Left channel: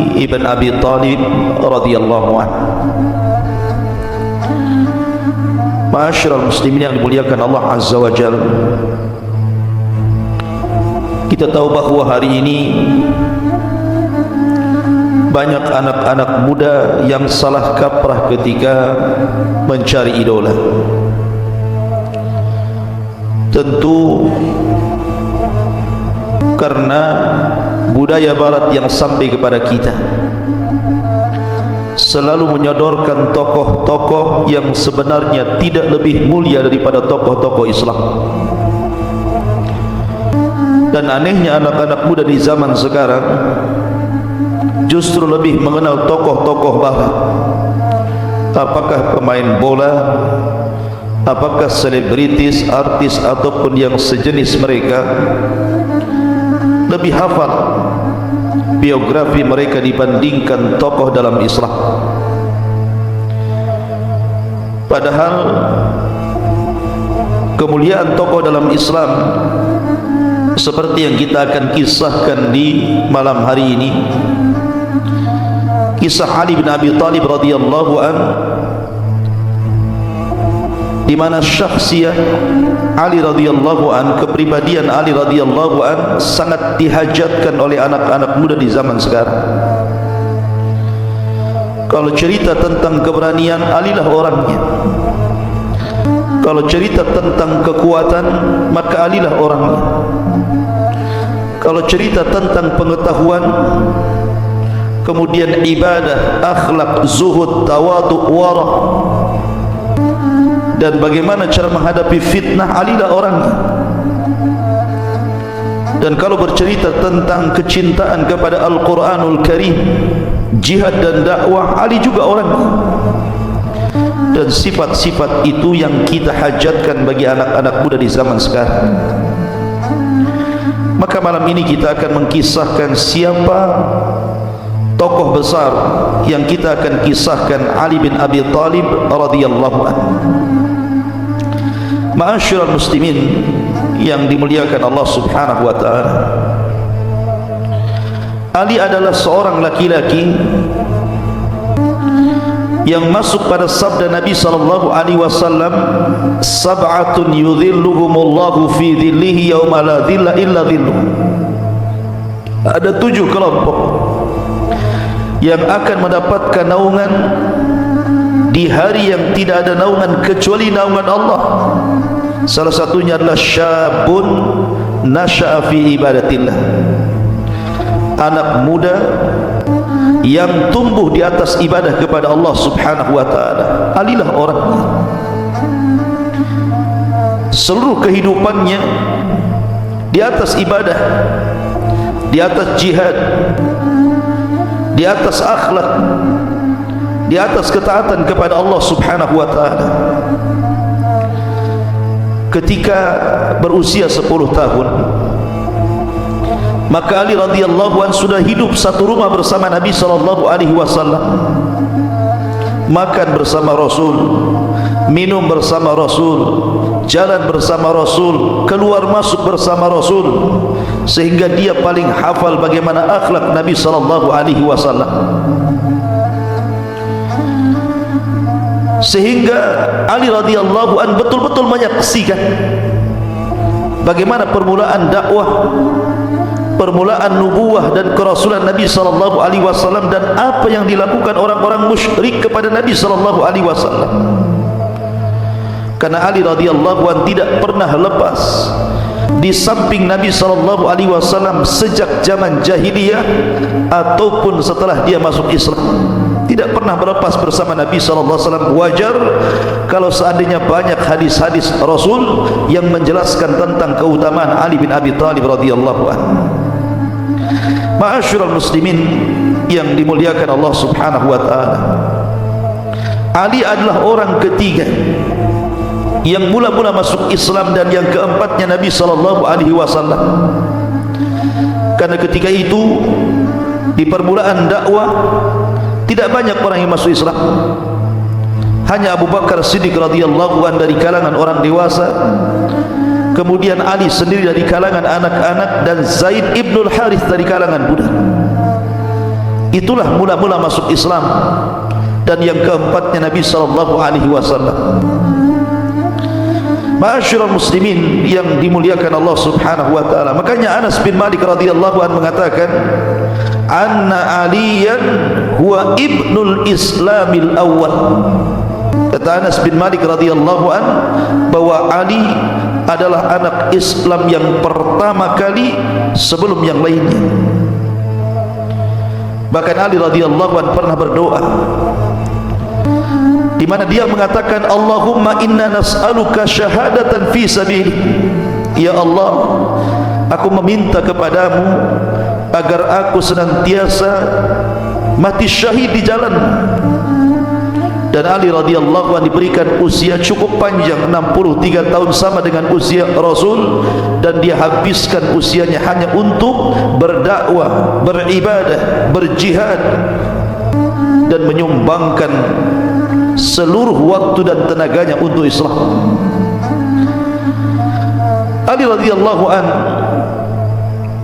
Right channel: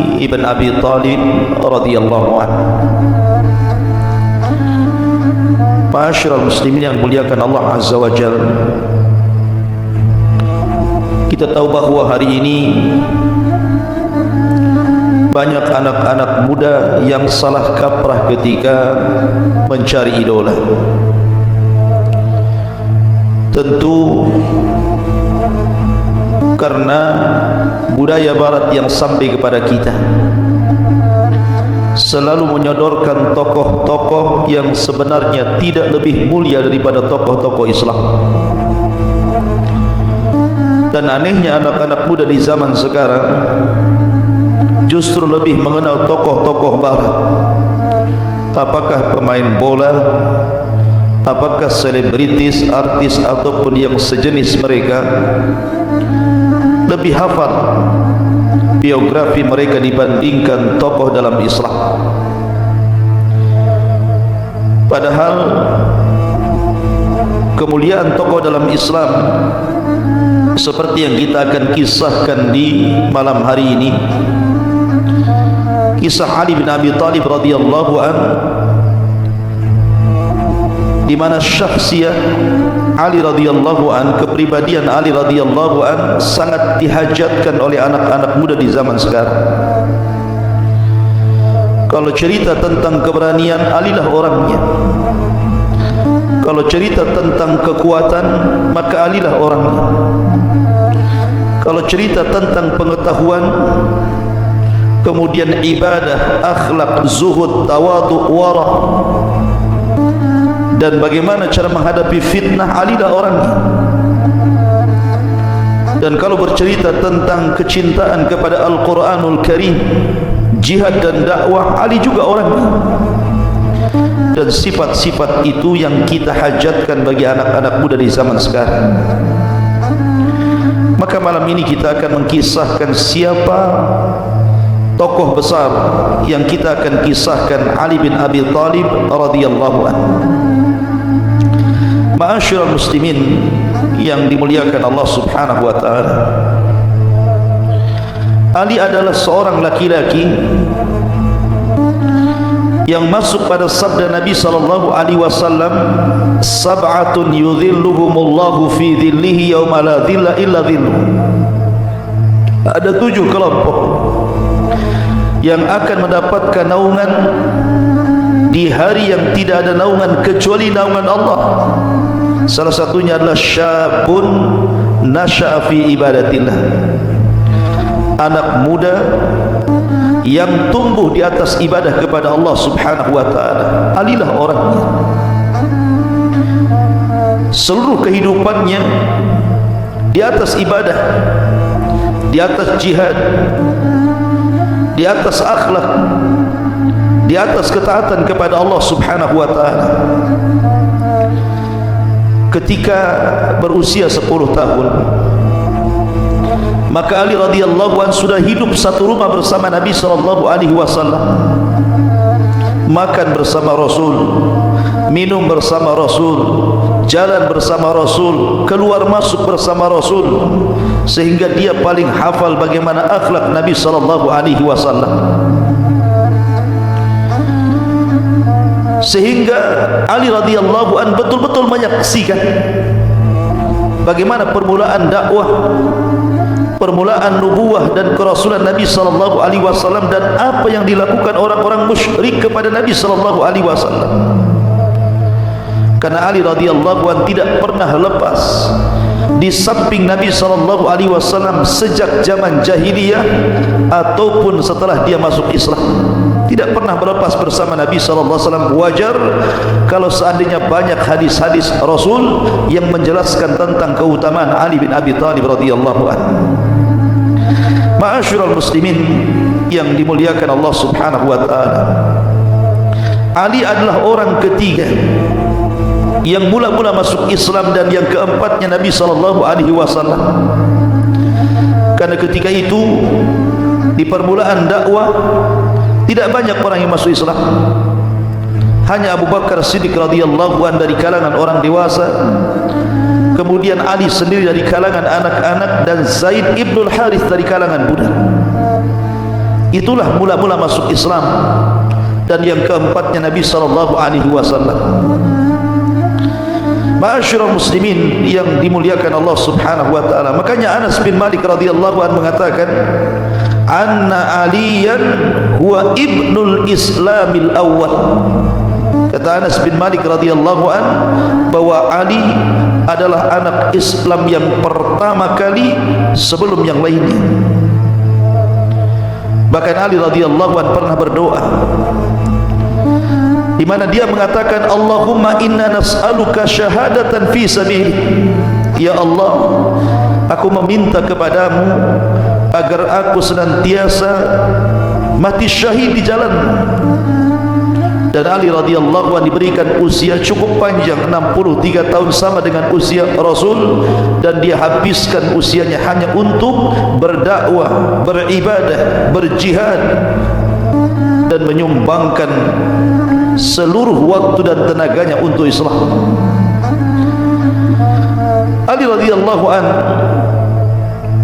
ibn Abi Talib radhiyallahu anhu. Ma'asyiral muslimin yang dimuliakan Allah Azza wa Jalla, kita tahu bahwa hari ini banyak anak-anak muda yang salah kaprah ketika mencari idola. Tentu karena budaya barat yang sampai kepada kita selalu menyodorkan tokoh-tokoh yang sebenarnya tidak lebih mulia daripada tokoh-tokoh Islam. Dan anehnya anak-anak muda di zaman sekarang justru lebih mengenal tokoh-tokoh barat. Apakah pemain bola, apakah selebritis, artis ataupun yang sejenis mereka, lebih hafal biografi mereka dibandingkan tokoh dalam Islam. Padahal kemuliaan tokoh dalam Islam seperti yang kita akan kisahkan di malam hari ini, kisah Ali bin Abi Talib radhiyallahu anhu, di mana syakhsiyah Ali radhiyallahu an, kepribadian Ali radhiyallahu an sangat dihajatkan oleh anak-anak muda di zaman sekarang. Kalau cerita tentang keberanian, Ali lah orangnya. Kalau cerita tentang kekuatan, maka Ali lah orangnya. Kalau cerita tentang pengetahuan, kemudian ibadah, akhlak, zuhud, tawadhu, warah, dan bagaimana cara menghadapi fitnah, Ali lah orangnya. Dan kalau bercerita tentang kecintaan kepada Al-Quranul Karim, jihad dan dakwah, Ali juga orangnya. Dan sifat-sifat itu yang kita hajatkan bagi anak-anak muda di zaman sekarang. Maka malam ini kita akan mengkisahkan siapa tokoh besar yang kita akan kisahkan, Ali bin Abi Talib radhiyallahu anhu. Ma'asyiral muslimin yang dimuliakan Allah Subhanahu wa taala, Ali adalah seorang laki-laki yang masuk pada sabda Nabi sallallahu alaihi wasallam, sab'atun yudhilluhumullahu fi dhillihi yauma la dhilla illa dhilluh. Ada 7 kelompok yang akan mendapatkan naungan di hari yang tidak ada naungan kecuali naungan Allah. Salah satunya adalah syabun nasha'a fi ibadatillah, anak muda yang tumbuh di atas ibadah kepada Allah Subhanahu wa taala. Alilah orangnya. Seluruh kehidupannya di atas ibadah, di atas jihad, di atas akhlak, di atas ketaatan kepada Allah Subhanahu wa taala. Ketika berusia 10 tahun, maka Ali radhiyallahu anhu sudah hidup satu rumah bersama Nabi sallallahu alaihi wasallam. Makan bersama Rasul, minum bersama Rasul, jalan bersama Rasul, keluar masuk bersama Rasul, sehingga dia paling hafal bagaimana akhlak Nabi sallallahu alaihi wasallam. Sehingga Ali radhiyallahu anhu betul-betul menyaksikan bagaimana permulaan dakwah, permulaan nubuwah dan kerasulan Nabi sallallahu alaihi wasallam, dan apa yang dilakukan orang-orang musyrik kepada Nabi sallallahu alaihi wasallam. Karena Ali radhiyallahu anhu tidak pernah lepas di samping Nabi sallallahu alaihi wasallam sejak zaman jahiliyah ataupun setelah dia masuk Islam. Tidak pernah melepas bersama Nabi sallallahu alaihi wasallam. Wajar kalau seandainya banyak hadis-hadis Rasul yang menjelaskan tentang keutamaan Ali bin Abi Talib radhiyallahu anhu. Ma'asyiral muslimin yang dimuliakan Allah Subhanahu wa taala, Ali adalah orang ketiga yang mula-mula masuk Islam dan yang keempatnya Nabi sallallahu alaihi wasallam. Karena ketika itu di permulaan dakwah tidak banyak orang yang masuk Islam. Hanya Abu Bakar Siddiq radhiyallahu anhu dari kalangan orang dewasa, kemudian Ali sendiri dari kalangan anak-anak, dan Zaid ibn Harith dari kalangan budak. itulah mula-mula masuk Islam. Dan yang keempatnya Nabi sallallahu alaihi wasallam. Ma'asyiral muslimin yang dimuliakan Allah Subhanahu wa taala. Makanya Anas bin Malik radhiyallahu anhu mengatakan, "Anna Aliyan huwa ibnul Islamil awwal." Kata Anas bin Malik radhiyallahu anhu bahwa Ali adalah anak Islam yang pertama kali sebelum yang lainnya. Bahkan Ali radhiyallahu anhu pernah berdoa di mana dia mengatakan, Allahumma inna nas'aluka syahadatan fi sabilik. Ya Allah, aku meminta kepadamu agar aku senantiasa mati syahid di jalan. Dan Ali radhiyallahu anhu diberikan usia cukup panjang, 63 tahun, sama dengan usia Rasul, dan dihabiskan usianya hanya untuk berdakwah, beribadah, berjihad, dan menyumbangkan seluruh waktu dan tenaganya untuk Islam. Ali radhiyallahu anhu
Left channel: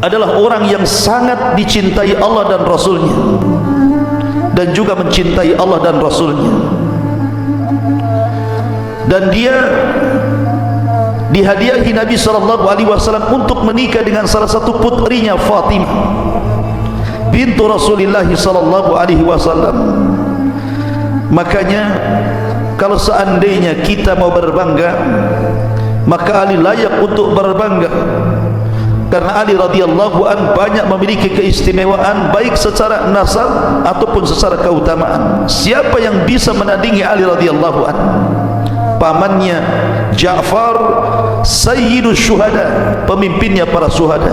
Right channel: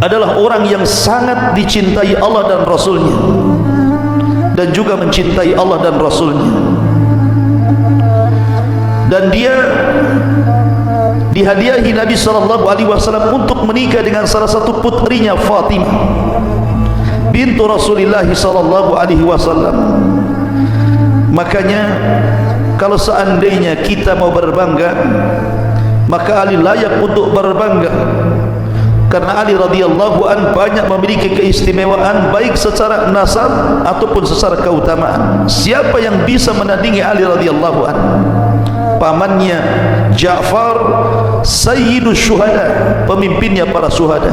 adalah orang yang sangat dicintai Allah dan Rasulnya, dan juga mencintai Allah dan Rasulnya. Dan dia dihadiahi Nabi SAW untuk menikah dengan salah satu putrinya, Fatimah bintu Rasulullah SAW. Makanya kalau seandainya kita mau berbangga, maka Ali layak untuk berbangga, karena Ali radhiyallahu an banyak memiliki keistimewaan baik secara nasab ataupun secara keutamaan. Siapa yang bisa menandingi Ali radhiyallahu an? Pamannya Ja'far sayyidus syuhada, pemimpinnya para syuhada.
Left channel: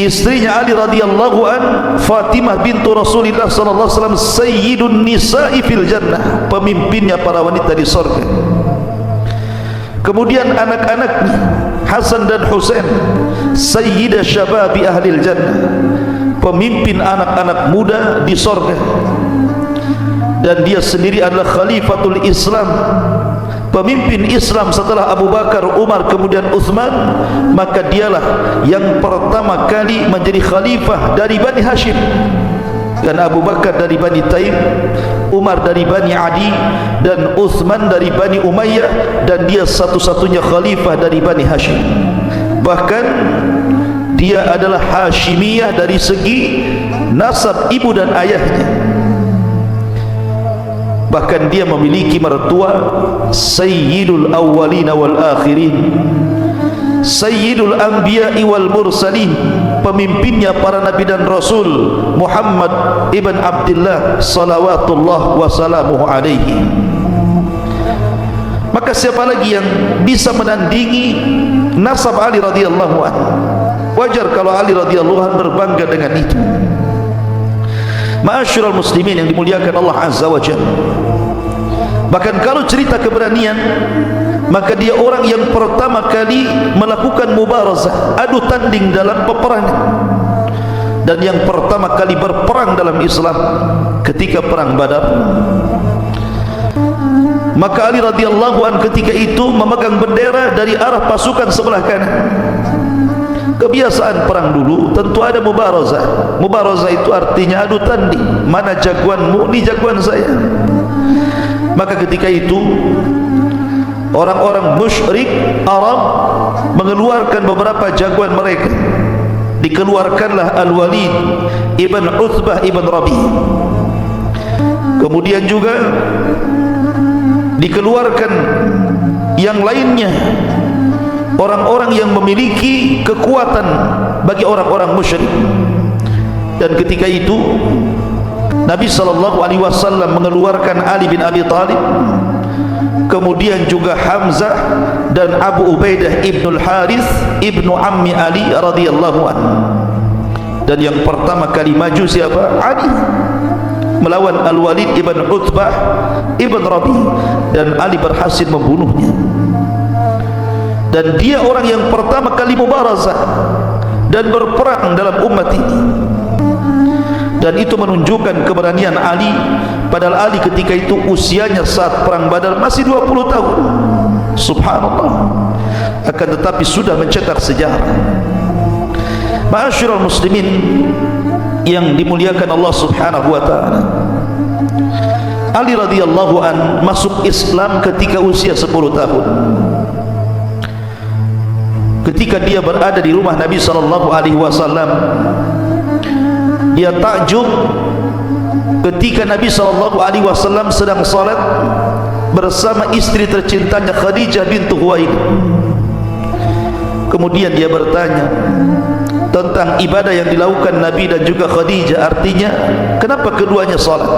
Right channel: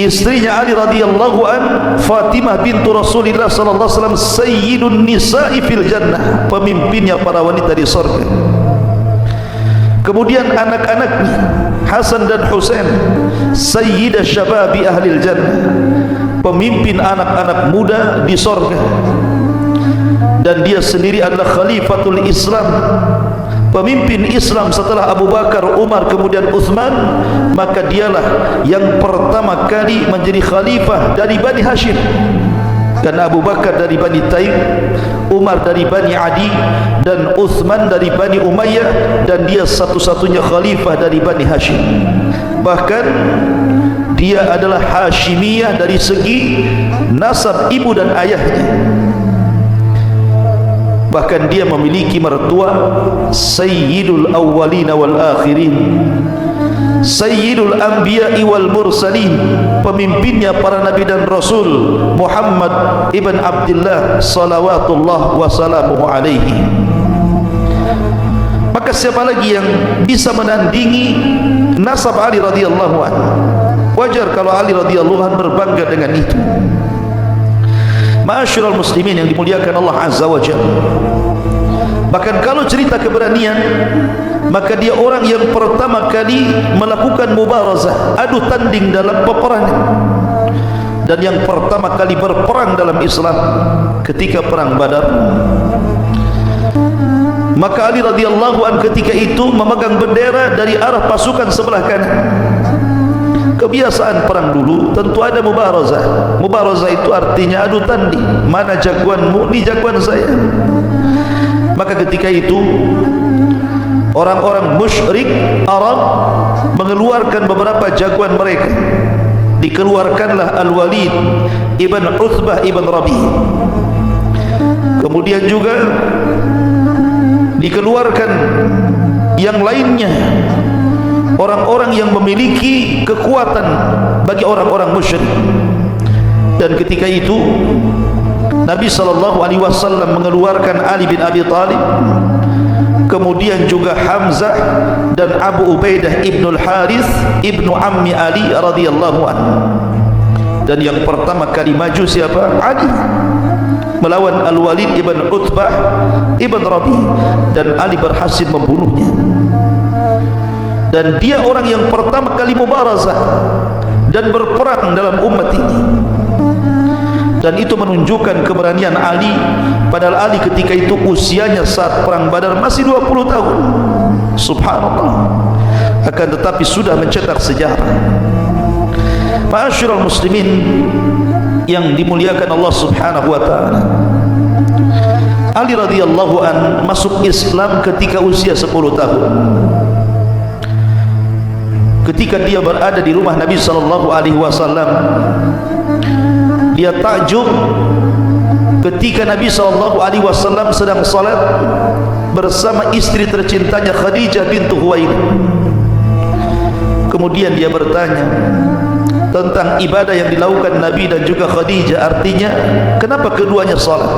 Istrinya Ali radhiyallahu an, Fatimah bintu Rasulullah sallallahu alaihi wasallam, sayyidun nisa'i fil jannah, pemimpinnya para wanita di surga. Kemudian anak-anaknya Hasan dan Husain, sayyidah syababi ahlil jannah, pemimpin anak-anak muda di surga. Dan dia sendiri adalah khalifatul Islam, pemimpin Islam setelah Abu Bakar, Umar, kemudian Uthman. Maka dialah yang pertama kali menjadi khalifah dari Bani Hashim. Dan Abu Bakar dari Bani Taim, Umar dari Bani Adi, dan Uthman dari Bani Umayyah. Dan dia satu-satunya khalifah dari Bani Hashim. Bahkan dia adalah Hashimiyah dari segi nasab ibu dan ayahnya. Bahkan dia memiliki mertua Sayyidul Awwalina wal Akhirin, Sayyidul Anbiya'i wal Mursalin, pemimpinnya para nabi dan rasul, Muhammad ibn Abdullah salawatullah wa salamuhu alaihi. Maka siapa lagi yang bisa menandingi nasab Ali radhiyallahu anhu? Wajar kalau Ali radhiyallahu anhu berbangga dengan itu. Ma'asyiral muslimin yang dimuliakan Allah azza wa jalla. Bahkan kalau cerita keberanian, maka dia orang yang pertama kali melakukan mubarazah, adu tanding dalam peperangan, dan yang pertama kali berperang dalam Islam ketika perang Badar. Maka Ali radhiyallahu anhu ketika itu memegang bendera dari arah pasukan sebelah kanan. Kebiasaan perang dulu tentu ada mubarazah. Mubarazah itu artinya adu tanding, mana jagoanmu, ini jagoan saya. Maka ketika itu orang-orang musyrik Arab mengeluarkan beberapa jagoan mereka. Dikeluarkanlah Al-Walid ibn Uthbah ibn Rabi. Kemudian juga dikeluarkan yang lainnya, orang-orang yang memiliki kekuatan bagi orang-orang musyrik. Dan ketika itu Nabi SAW mengeluarkan Ali bin Abi Thalib, kemudian juga Hamzah dan Abu Ubaidah ibnul Harith ibnu Ammi Ali radhiyallahu anhu. Dan yang pertama kali maju siapa? Ali melawan Al-Walid ibn Utbah ibn Rabi, dan Ali berhasil membunuhnya. Dan dia orang yang pertama kali mubarazah dan berperang dalam umat ini. Dan itu menunjukkan keberanian Ali. Padahal Ali ketika itu usianya saat perang Badar masih 20 tahun. Subhanallah. Akan tetapi sudah mencetak sejarah. Ma'asyiral muslimin yang dimuliakan Allah Subhanahu wa taala, Ali radhiyallahu an masuk Islam ketika usia 10 tahun. Ketika dia berada di rumah Nabi sallallahu alaihi wasallam, dia takjub ketika Nabi sallallahu alaihi wasallam sedang salat bersama istri tercintanya Khadijah bintu Khuwailid. Kemudian dia bertanya tentang ibadah yang dilakukan Nabi dan juga Khadijah, artinya kenapa keduanya salat?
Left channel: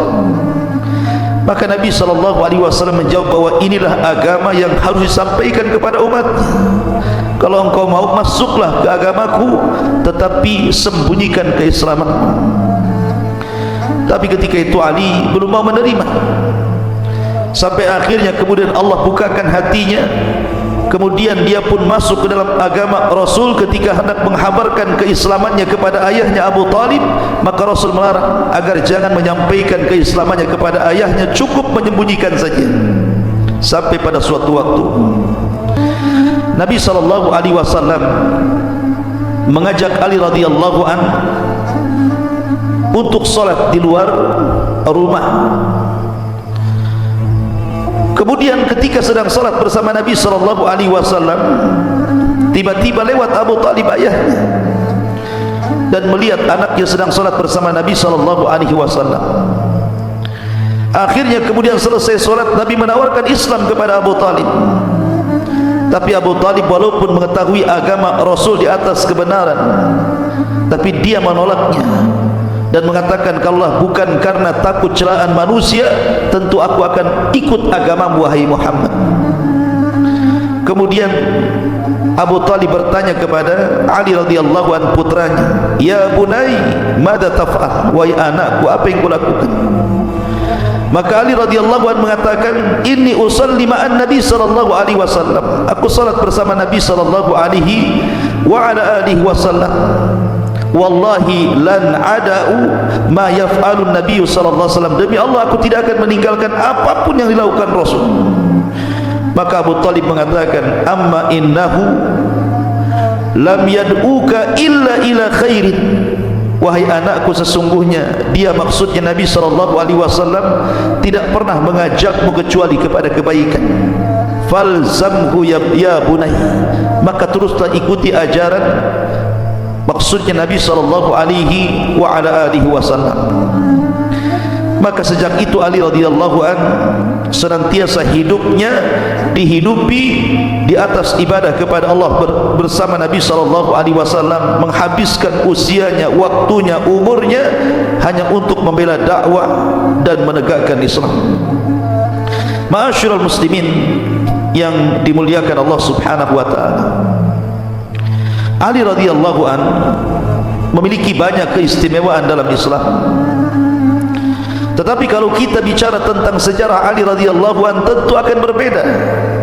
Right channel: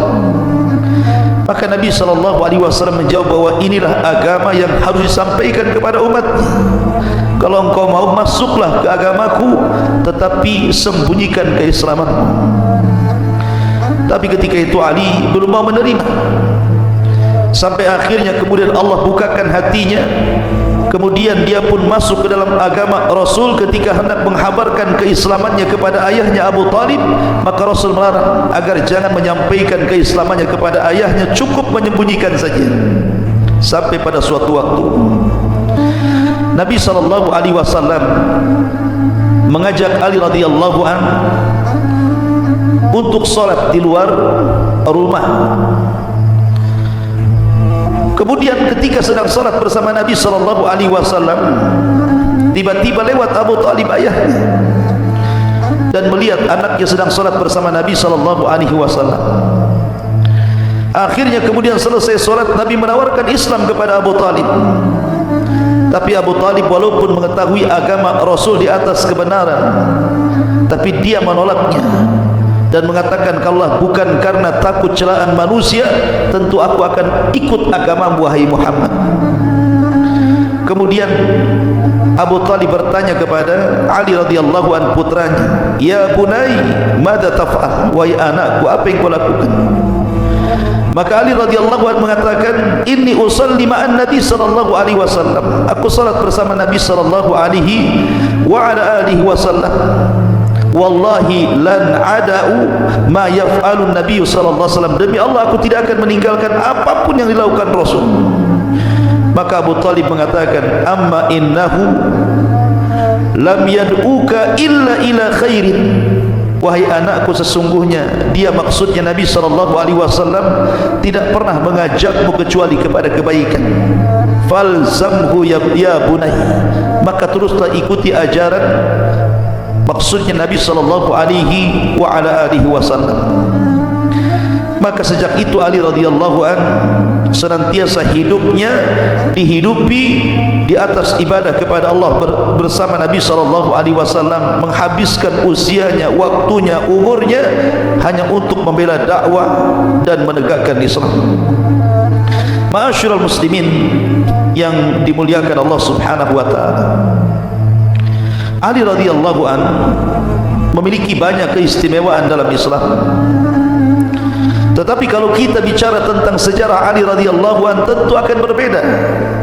Maka Nabi SAW menjawab bahwa inilah agama yang harus disampaikan kepada umatnya. Kalau engkau mau, masuklah ke agamaku, tetapi sembunyikan keislamanmu. Tapi ketika itu Ali belum mau menerima. Sampai akhirnya kemudian Allah bukakan hatinya. Kemudian dia pun masuk ke dalam agama Rasul. Ketika hendak menghabarkan keislamannya kepada ayahnya Abu Talib, maka Rasul melarang agar jangan menyampaikan keislamannya kepada ayahnya, cukup menyembunyikan saja. Sampai pada suatu waktu Nabi SAW mengajak Ali radhiyallahu anhu untuk salat di luar rumah. Kemudian ketika sedang salat bersama Nabi SAW, tiba-tiba lewat Abu Talib ayahnya dan melihat anaknya sedang salat bersama Nabi SAW. Akhirnya kemudian selesai salat, Nabi menawarkan Islam kepada Abu Talib. Tapi Abu Talib walaupun mengetahui agama Rasul di atas kebenaran, tapi dia menolaknya dan mengatakan, kalau bukan karena takut celaan manusia, tentu aku akan ikut agamamu wahai Muhammad. Kemudian Abu Talib bertanya kepada Ali radhiyallahu anhu putranya, ya bunai, mada taf'al, wahai anakku, apa yang kau lakukan? Maka Ali radhiyallahu anhu mengatakan, inni usalli ma'an Nabi sallallahu alaihi wasallam, aku salat bersama Nabi sallallahu alaihi wa ala alihi wasallam. Wallahi lan ada'u ma yaf'alun Nabi sallallahu alaihi wasallam, demi Allah aku tidak akan meninggalkan apapun yang dilakukan Rasul. Maka Abu Talib mengatakan, amma innahu lam yad'uka illa ila khairin, wahai anakku, sesungguhnya dia, maksudnya Nabi sallallahu alaihi wasallam, tidak pernah mengajakmu kecuali kepada kebaikan. Falzamhu ya bunai, maka teruslah ikuti ajaran, maksudnya Nabi sallallahu alaihi wa ala alihi wasallam. Maka sejak itu Ali radhiyallahu anhu senantiasa hidupnya dihidupi di atas ibadah kepada Allah bersama Nabi sallallahu alaihi wasallam, menghabiskan usianya, waktunya, umurnya hanya untuk membela dakwah dan menegakkan Islam. Ma'asyiral muslimin yang dimuliakan Allah Subhanahu wa taala, Ali radhiyallahu anhu memiliki banyak keistimewaan dalam Islam. Tetapi kalau kita bicara tentang sejarah Ali radhiyallahu anhu, tentu akan berbeda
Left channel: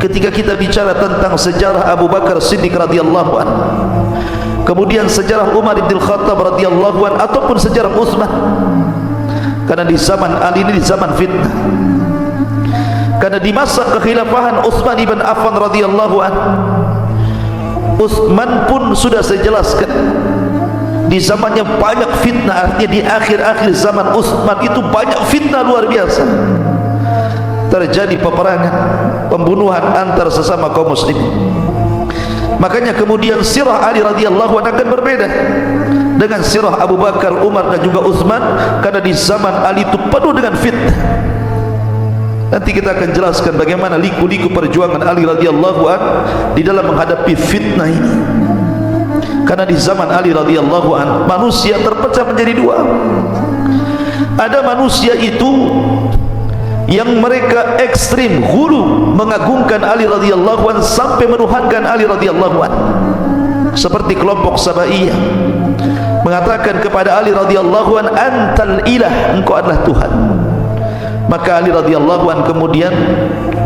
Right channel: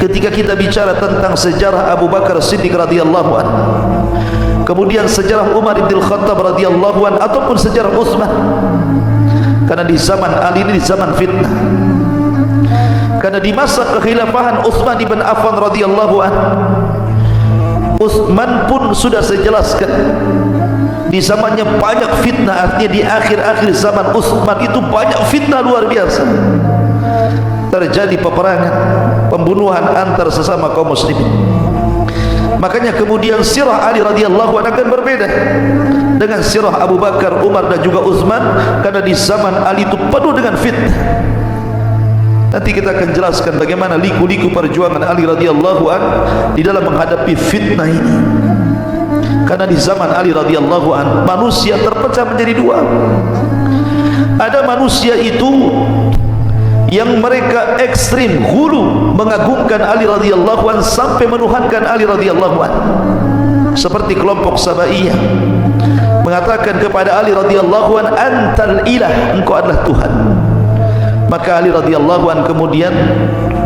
ketika kita bicara tentang sejarah Abu Bakar Siddiq radhiyallahu anhu, kemudian sejarah Umar bin Khattab radhiyallahu anhu, ataupun sejarah Utsman. Karena di zaman Ali ini di zaman fitnah. Karena di masa kekhilafahan Utsman bin Affan radhiyallahu anhu, Utsman pun sudah saya jelaskan, di zamannya banyak fitnah. Artinya di akhir-akhir zaman Utsman itu banyak fitnah luar biasa. Terjadi peperangan, pembunuhan antar sesama kaum muslimin. Makanya kemudian sirah Ali radhiyallahu anhu akan berbeda dengan sirah Abu Bakar, Umar dan juga Utsman, karena di zaman Ali itu penuh dengan fitnah. Nanti kita akan jelaskan bagaimana liku-liku perjuangan Ali radhiyallahu anhu di dalam menghadapi fitnah ini. Karena di zaman Ali radhiyallahu anhu manusia terpecah menjadi dua. Ada manusia itu yang mereka ekstrim, hulu, mengagungkan Ali radhiyallahu anhu sampai menuhankan Ali radhiyallahu anhu, seperti kelompok Sabaiyah, mengatakan kepada Ali radhiyallahu anhu, antal ilah, engkau adalah Tuhan. Maka Ali radhiyallahu anhu kemudian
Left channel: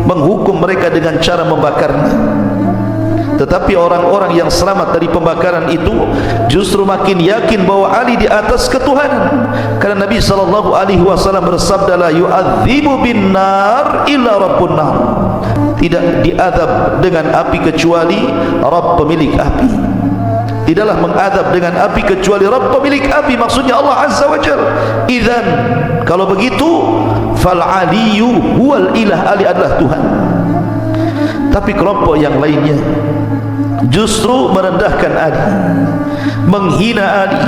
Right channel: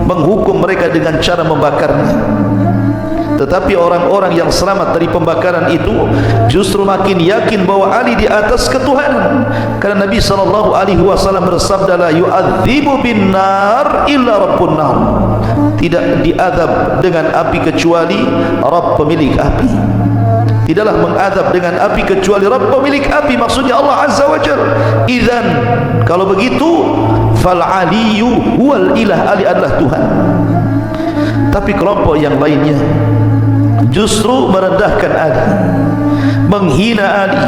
menghukum mereka dengan cara membakarnya. Tetapi orang-orang yang selamat dari pembakaran itu justru makin yakin bahwa Ali di atas ketuhanan. Karena Nabi SAW bersabda, la yu'adzibu bin nar illa rabbun nar, tidak diazab dengan api kecuali Rabb pemilik api. tidaklah mengadab dengan api kecuali Rabb pemilik api, maksudnya Allah Azza wa Jalla. Idzan, kalau begitu, fal aliyyu huwal ilah, Ali adalah Tuhan. Tapi kelompok yang lainnya justru merendahkan Ali, menghina Ali,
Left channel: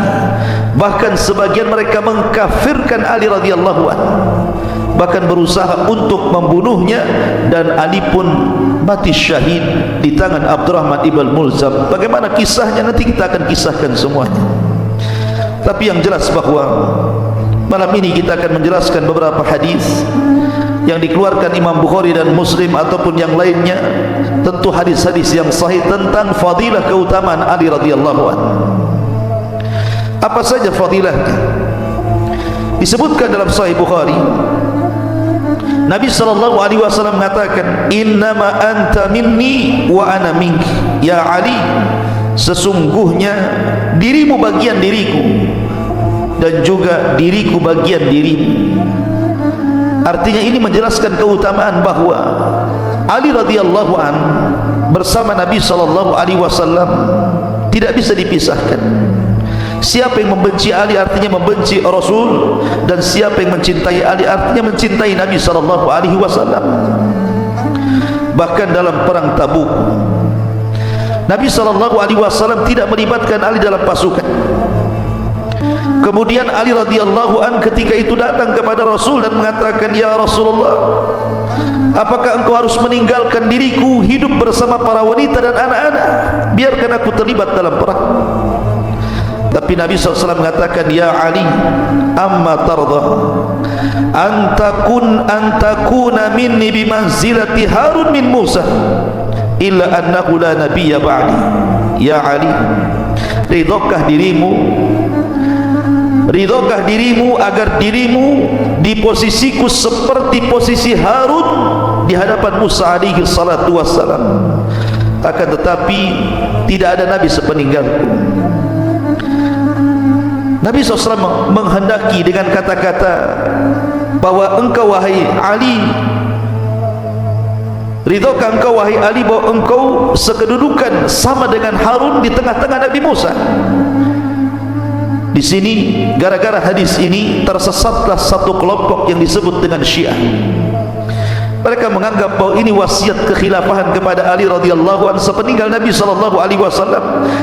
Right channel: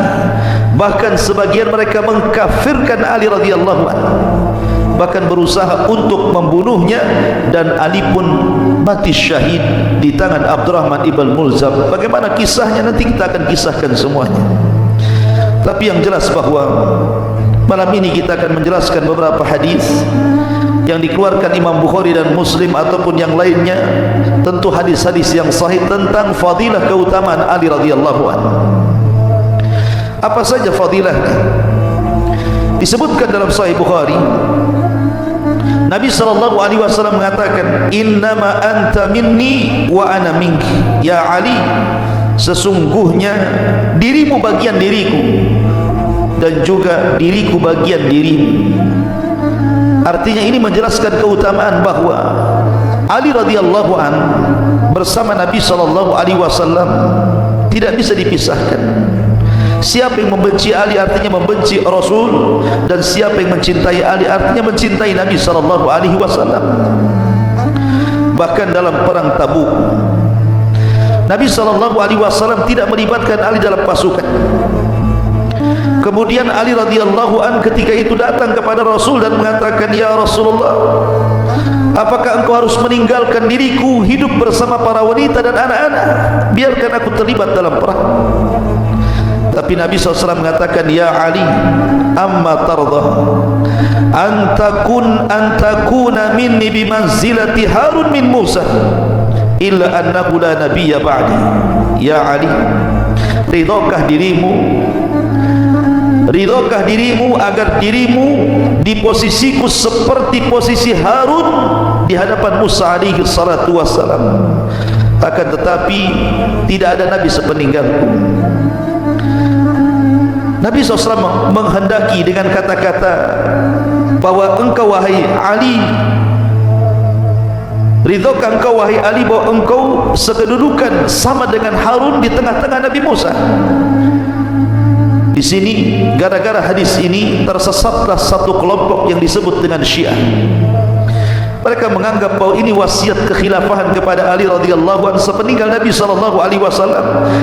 bahkan sebagian mereka mengkafirkan Ali radhiyallahu anhu, bahkan berusaha untuk membunuhnya, dan Ali pun mati syahid di tangan Abdurrahman ibn Mulzam. Bagaimana kisahnya nanti kita akan kisahkan semuanya. Tapi yang jelas bahwa malam ini kita akan menjelaskan beberapa hadis yang dikeluarkan Imam Bukhari dan Muslim ataupun yang lainnya, tentu hadis-hadis yang sahih tentang fadilah keutamaan Ali radhiyallahu anhu. Apa saja fadilahnya? Disebutkan dalam Sahih Bukhari, Nabi SAW mengatakan, innama anta minni wa ana minki. Ya Ali, sesungguhnya dirimu bagian diriku dan juga diriku bagian dirimu. Artinya ini menjelaskan keutamaan bahwa Ali radhiyallahu anhu bersama Nabi SAW tidak bisa dipisahkan. Siapa yang membenci Ali artinya membenci Rasul, dan siapa yang mencintai Ali artinya mencintai Nabi SAW. Bahkan dalam perang Tabuk, Nabi SAW tidak melibatkan Ali dalam pasukan. Kemudian Ali radhiyallahu an ketika itu datang kepada Rasul dan mengatakan, ya Rasulullah, apakah engkau harus meninggalkan diriku hidup bersama para wanita dan anak-anak? Biarkan aku terlibat dalam perang. Tapi Nabi SAW mengatakan, ya Ali, amma tarda antakuna minni bimanzilati Harun min Musa illa annahu la nabiyya ba'di. Ya Ali, ridhokah dirimu agar dirimu di posisiku seperti posisi Harun di hadapan Musa alaihi salatu wassalam. Akan tetapi tidak ada nabi sepeninggalku. Nabi SAW menghendaki dengan kata-kata bahwa engkau wahai Ali, ridhokah engkau wahai Ali bahwa engkau sekedudukan sama dengan Harun di tengah-tengah Nabi Musa. Di sini gara-gara hadis ini tersesatlah satu kelompok yang disebut dengan Syiah. Mereka menganggap bahwa ini wasiat kekhilafahan kepada Ali radhiyallahu anhu sepeninggal Nabi SAW,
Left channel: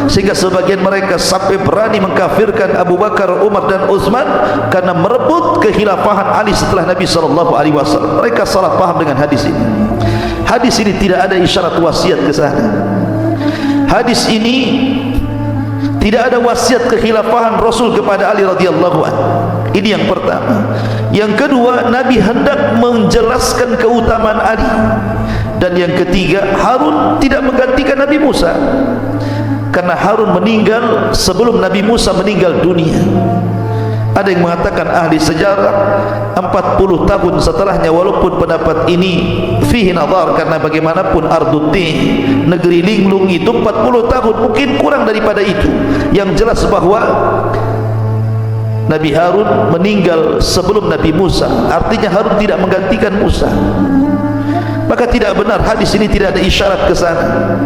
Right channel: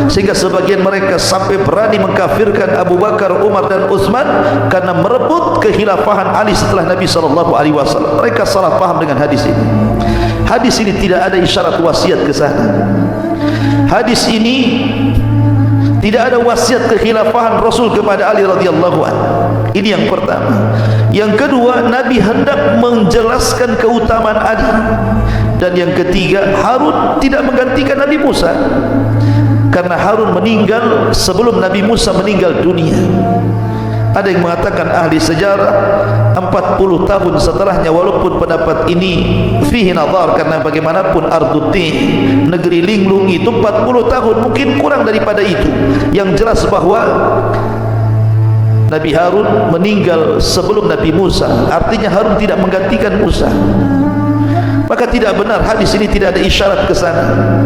sehingga sebagian mereka sampai berani mengkafirkan Abu Bakar, Umar dan Utsman karena merebut kekhilafahan Ali setelah Nabi SAW. Mereka salah paham dengan hadis ini. Hadis ini tidak ada isyarat wasiat ke sana. Hadis ini tidak ada wasiat kekhilafahan Rasul kepada Ali radhiyallahu anhu. Ini yang pertama. Yang kedua, Nabi hendak menjelaskan keutamaan Ali. Dan yang ketiga, Harun tidak menggantikan Nabi Musa, karena Harun meninggal sebelum Nabi Musa meninggal dunia. Ada yang mengatakan ahli sejarah 40 tahun setelahnya, walaupun pendapat ini fihi nazar, karena bagaimanapun Ardutin, negeri linglung itu 40 tahun, mungkin kurang daripada itu. Yang jelas bahwa Nabi Harun meninggal sebelum Nabi Musa, artinya Harun tidak menggantikan Musa. Maka tidak benar, hadis ini tidak ada isyarat ke sana.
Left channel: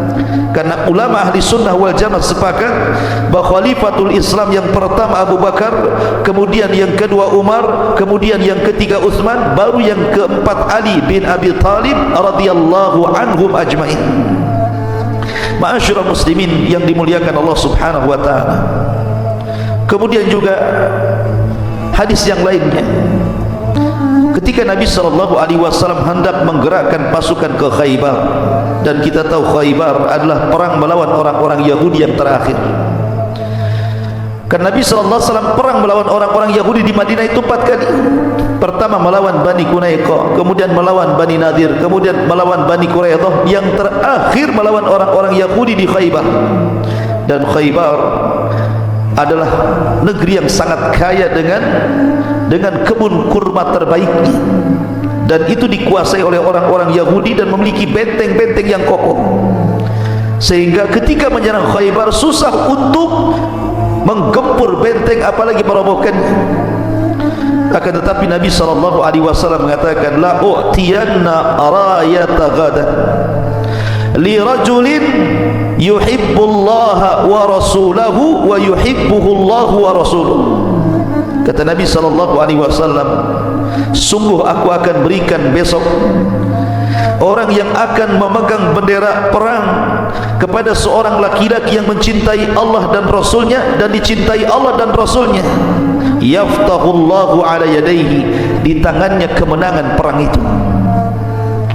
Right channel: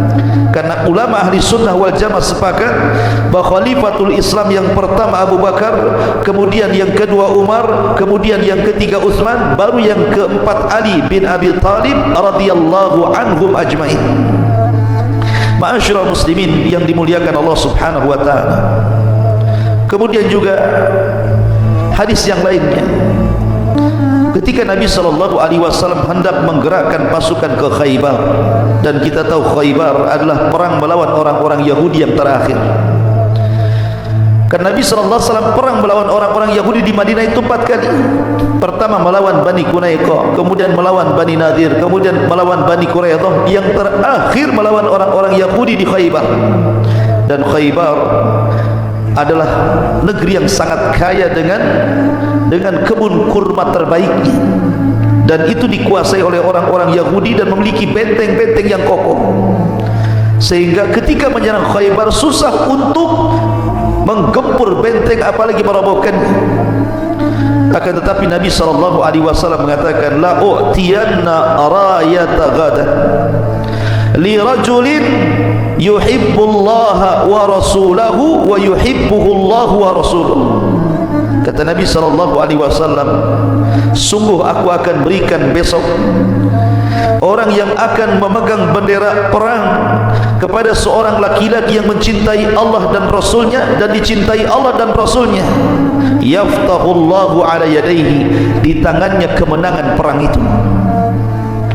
Karena ulama ahli sunnah wal jamaah sepakat bahwa khalifatul Islam yang pertama Abu Bakar, kemudian yang kedua Umar, kemudian yang ketiga Utsman, baru yang keempat Ali bin Abi Thalib radhiyallahu anhum ajmain. Ma'asyiral muslimin yang dimuliakan Allah Subhanahu wa taala. Kemudian juga hadis yang lainnya, ketika Nabi SAW hendak menggerakkan pasukan ke Khaybar, dan kita tahu Khaybar adalah perang melawan orang-orang Yahudi yang terakhir. Karena Nabi SAW perang melawan orang-orang Yahudi di Madinah itu 4 kali. Pertama melawan Bani Quraiqah, kemudian melawan Bani Nadir, kemudian melawan Bani Quraidah, yang terakhir melawan orang-orang Yahudi di Khaybar. Dan Khaybar adalah negeri yang sangat kaya dengan kebun kurma terbaiknya, dan itu dikuasai oleh orang-orang Yahudi dan memiliki benteng-benteng yang kokoh, sehingga ketika menyerang Khaybar susah untuk menggempur benteng apalagi merobohkannya. Akan tetapi Nabi SAW mengatakan, la u'tiyanna rayata ghadan li rajulin yuhibbullaha wa rasulahu wa yuhibbuhu Allah wa rasuluhu. Kata Nabi SAW, sungguh aku akan berikan besok orang yang akan memegang bendera perang kepada seorang laki-laki yang mencintai Allah dan Rasulnya dan dicintai Allah dan Rasulnya. Yaftahullahu ala yadayhi, di tangannya kemenangan perang itu.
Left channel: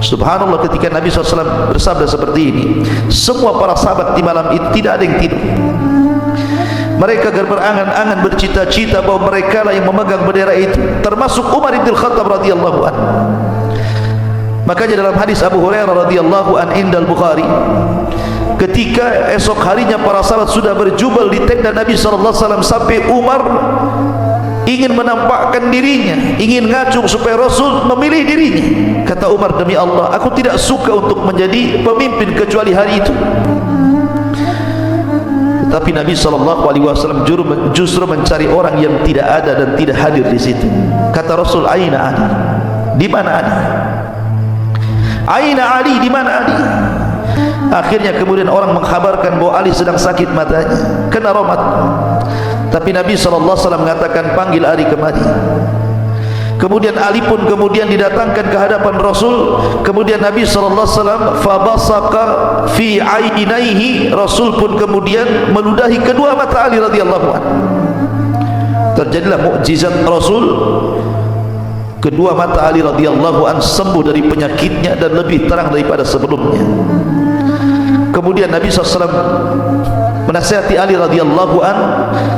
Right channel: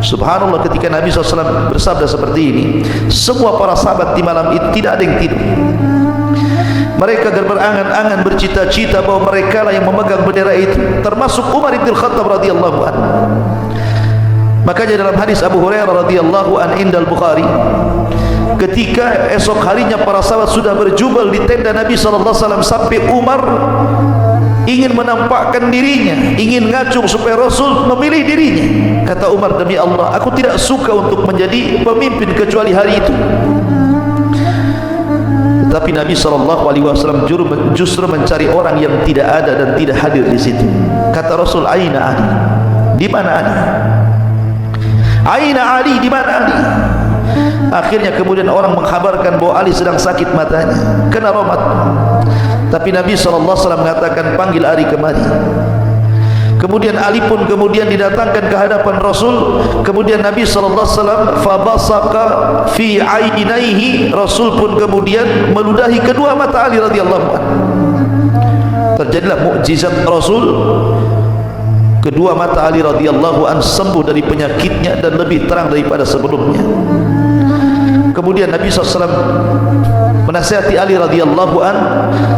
Subhanallah, ketika Nabi SAW bersabda seperti ini, semua para sahabat di malam itu tidak ada yang tidur. Mereka berangan-angan, bercita-cita bahwa mereka lah yang memegang bendera itu, termasuk Umar bin Khattab radhiyallahu anhu. Makanya dalam hadis Abu Hurairah radhiyallahu anhu indal Bukhari, ketika esok harinya para sahabat sudah berjubel di tenda Nabi SAW sampai Umar ingin menampakkan dirinya, ingin ngacung supaya Rasul memilih dirinya. Kata Umar, demi Allah, aku tidak suka untuk menjadi pemimpin kecuali hari itu. Tapi Nabi SAW justru mencari orang yang tidak ada dan tidak hadir di situ. Kata Rasul, Aina Ali? Di mana Ali? Aina Ali? Di mana Ali? Akhirnya kemudian orang mengkhabarkan bahwa Ali sedang sakit matanya, kena raumat. Tapi Nabi SAW mengatakan, panggil Ali kemari. Kemudian Ali pun kemudian didatangkan ke hadapan Rasul. Kemudian Nabi SAW fabasaka fi ainaihi, Rasul pun kemudian meludahi kedua mata Ali radhiyallahu anhu. Terjadilah mukjizat Rasul. Kedua mata Ali radhiyallahu anhu sembuh dari penyakitnya dan lebih terang daripada sebelumnya. Kemudian Nabi SAW menasihati Ali radhiyallahu an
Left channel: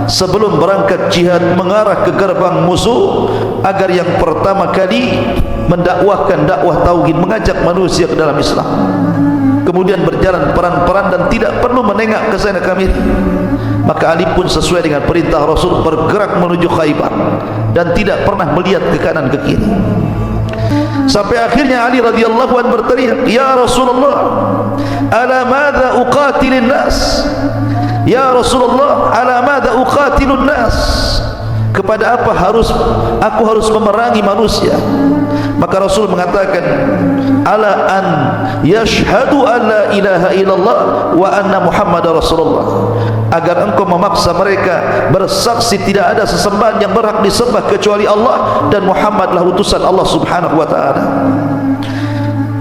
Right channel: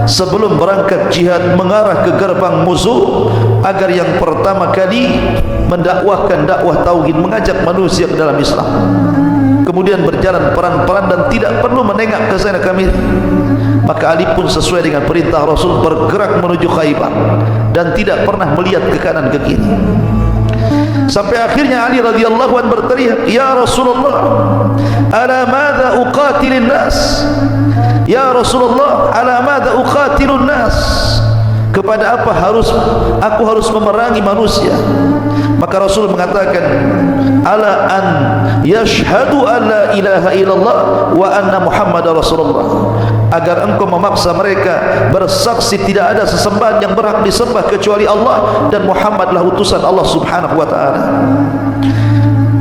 sebelum berangkat jihad mengarah ke gerbang musuh agar yang pertama kali mendakwahkan dakwah tauhid, mengajak manusia ke dalam Islam. Kemudian berjalan peran-peran dan tidak perlu menengok ke sana kemari. Maka Ali pun sesuai dengan perintah Rasul bergerak menuju Khaybar dan tidak pernah melihat ke kanan ke kiri. Sampai akhirnya Ali radhiyallahu an berteriak, ya Rasulullah, ala madza uqatilun nas? Ya Rasulullah, ala madza uqatilun nas? Kepada apa aku harus memerangi manusia? Maka Rasul mengatakan, ala an yashhadu an la ilaha illallah wa anna Muhammadar Rasulullah, agar engkau memaksa mereka bersaksi tidak ada sesembahan yang berhak disembah kecuali Allah dan Muhammadlah utusan Allah Subhanahu wa taala.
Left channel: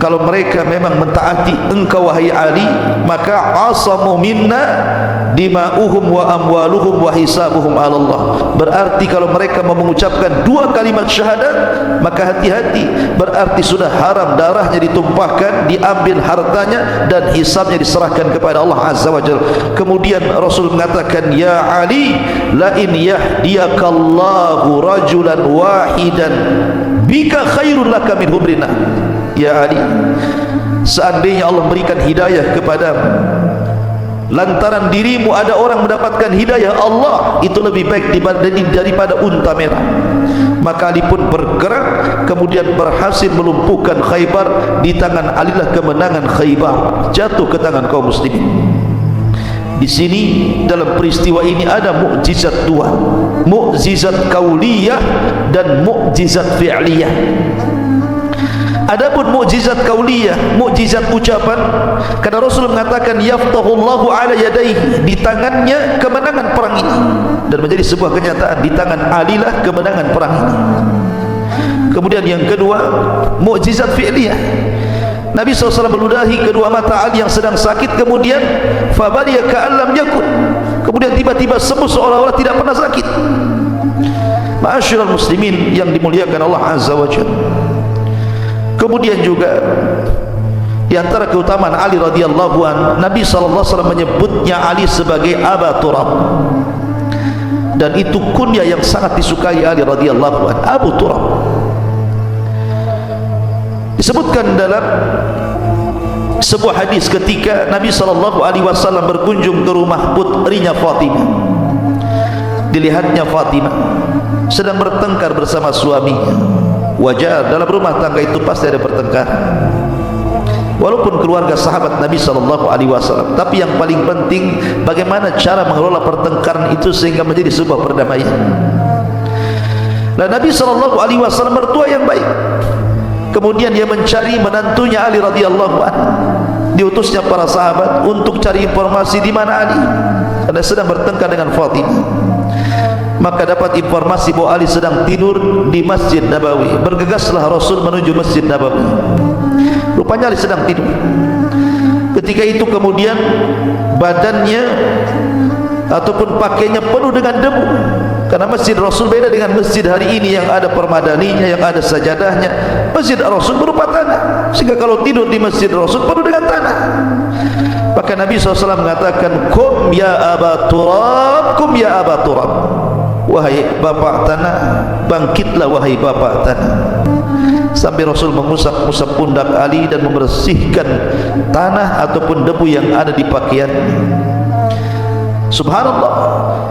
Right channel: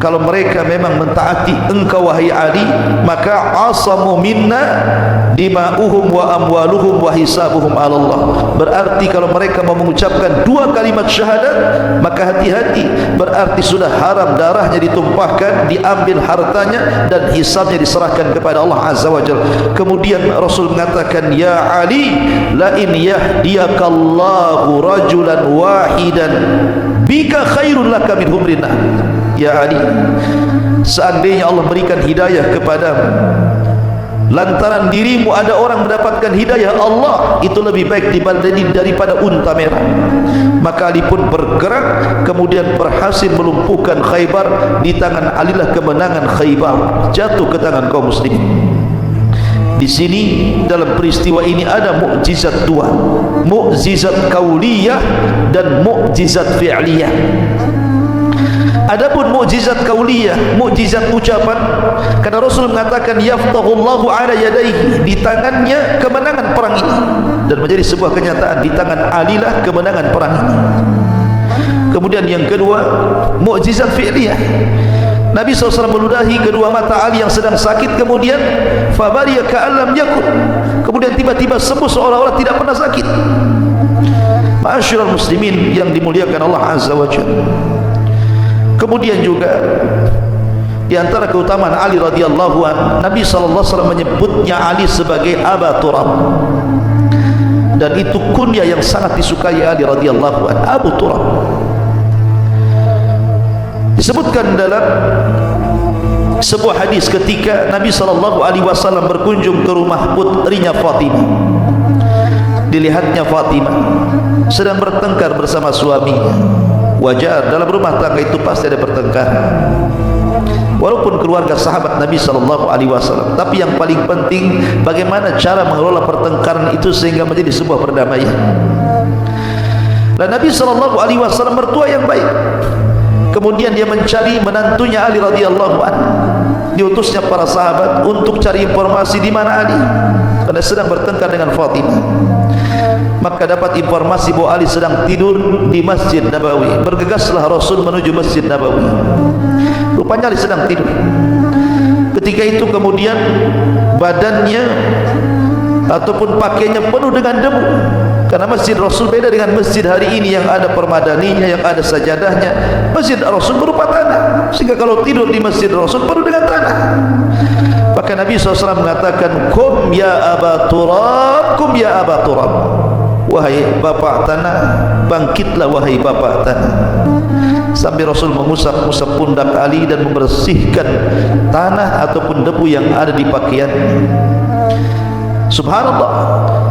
Kalau mereka memang mentaati engkau wahai Ali, maka asamu minna dima'uhum wa amwaluhum wa hisabuhum ala Allah. Berarti kalau mereka mengucapkan dua kalimat syahadat, maka hati-hati, berarti sudah haram darahnya ditumpahkan, diambil hartanya dan hisabnya diserahkan kepada Allah Azza wa Jalla. Kemudian Rasul mengatakan, ya Ali, la in yahdiyakallahu rajulan wahidan bika khairun laka min humrina. Ya Ali, seandainya Allah berikan hidayah kepadamu, lantaran dirimu ada orang mendapatkan hidayah Allah, itu lebih baik daripada unta merah. Maka Ali pun bergerak, kemudian berhasil melumpuhkan Khaybar. Di tangan Ali lah kemenangan Khaybar jatuh ke tangan kaum muslimin. Di sini dalam peristiwa ini ada mukjizat dua, mukjizat kauliyah dan mukjizat fi'liyah. Adapun mukjizat kauliyah, mukjizat ucapan, karena Rasul mengatakan yaftahullahu ala yadayhi, di tangannya kemenangan perang ini, dan menjadi sebuah kenyataan di tangan Ali lah kemenangan perang ini. Kemudian yang kedua, mukjizat fi'liyah. Nabi SAW meludahi kedua mata Ali yang sedang sakit, kemudian fabariya ka'allam yakun, kemudian tiba-tiba sembuh seolah-olah tidak pernah sakit. Ma'asyiral muslimin yang dimuliakan Allah Azza wa Jalla. Kemudian juga di antara keutamaan Ali radhiyallahu anhu, Nabi SAW menyebutnya Ali sebagai Aba Turab, dan itu kunyah yang sangat disukai Ali radhiyallahu anhu, Abu Turab. Disebutkan dalam sebuah hadis ketika Nabi SAW berkunjung ke rumah putrinya Fatimah, dilihatnya Fatimah sedang bertengkar bersama suaminya. Wajar, dalam rumah tangga itu pasti ada pertengkaran, walaupun keluarga sahabat Nabi SAW. Tapi yang paling penting, bagaimana cara mengelola pertengkaran itu sehingga menjadi sebuah perdamaian. Dan Nabi SAW mertua yang baik. Kemudian dia mencari menantunya Ali radhiyallahu anhu. diutusnya para sahabat untuk cari informasi di mana Ali. Karena sedang bertengkar dengan Fatimah. Maka dapat informasi bahwa Ali sedang tidur di Masjid Nabawi. Bergegaslah Rasul menuju Masjid Nabawi. Rupanya Ali sedang tidur. Ketika itu kemudian badannya ataupun pakaiannya penuh dengan debu. Karena Masjid Rasul beda dengan masjid hari ini yang ada permadaninya, yang ada sajadahnya. Masjid Rasul berupa tanah, sehingga kalau tidur di Masjid Rasul penuh dengan tanah. Maka Nabi SAW mengatakan, "Kum ya Aba Turab, kum ya Aba Turab." Wahai bapak tanah, bangkitlah wahai bapak tanah. Sampai Rasul mengusap-usap pundak Ali dan membersihkan tanah ataupun debu yang ada di pakaian. Subhanallah.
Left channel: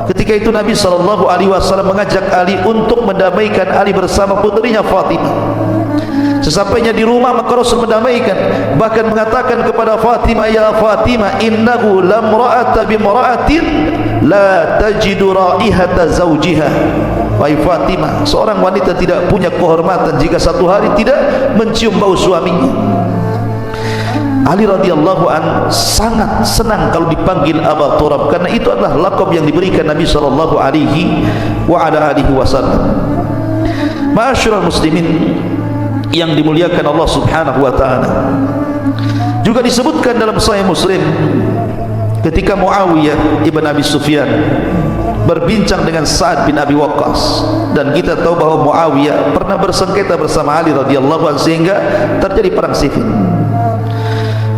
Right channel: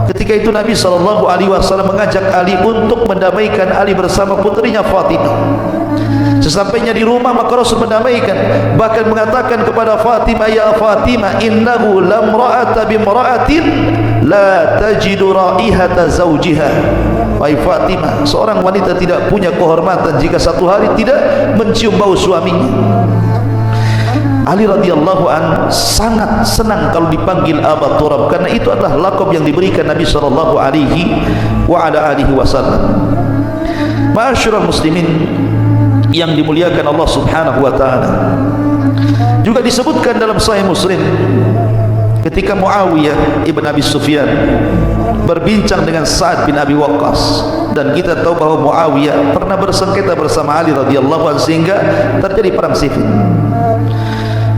Ketika itu Nabi SAW mengajak Ali untuk mendamaikan Ali bersama putrinya Fatimah. Sesampainya di rumah maka Rasul mendamaikan, bahkan mengatakan kepada Fatimah, "Ya Fatimah, innahu lamra'ata bimra'atin la tajidu raihata zawjiha." Wahai Fatimah, seorang wanita tidak punya kehormatan jika satu hari tidak mencium bau suaminya. Ali radhiyallahu anhu sangat senang kalau dipanggil Aba Turab, karena itu adalah laqab yang diberikan Nabi sallallahu alaihi wasallam. Ma'asyiral muslimin yang dimuliakan Allah Subhanahu wa taala. Juga disebutkan dalam Sahih Muslim ketika Muawiyah ibn Abi Sufyan berbincang dengan Sa'ad bin Abi Waqqas, dan kita tahu bahwa Muawiyah pernah bersengketa bersama Ali radhiyallahu anhu sehingga terjadi perang sifil.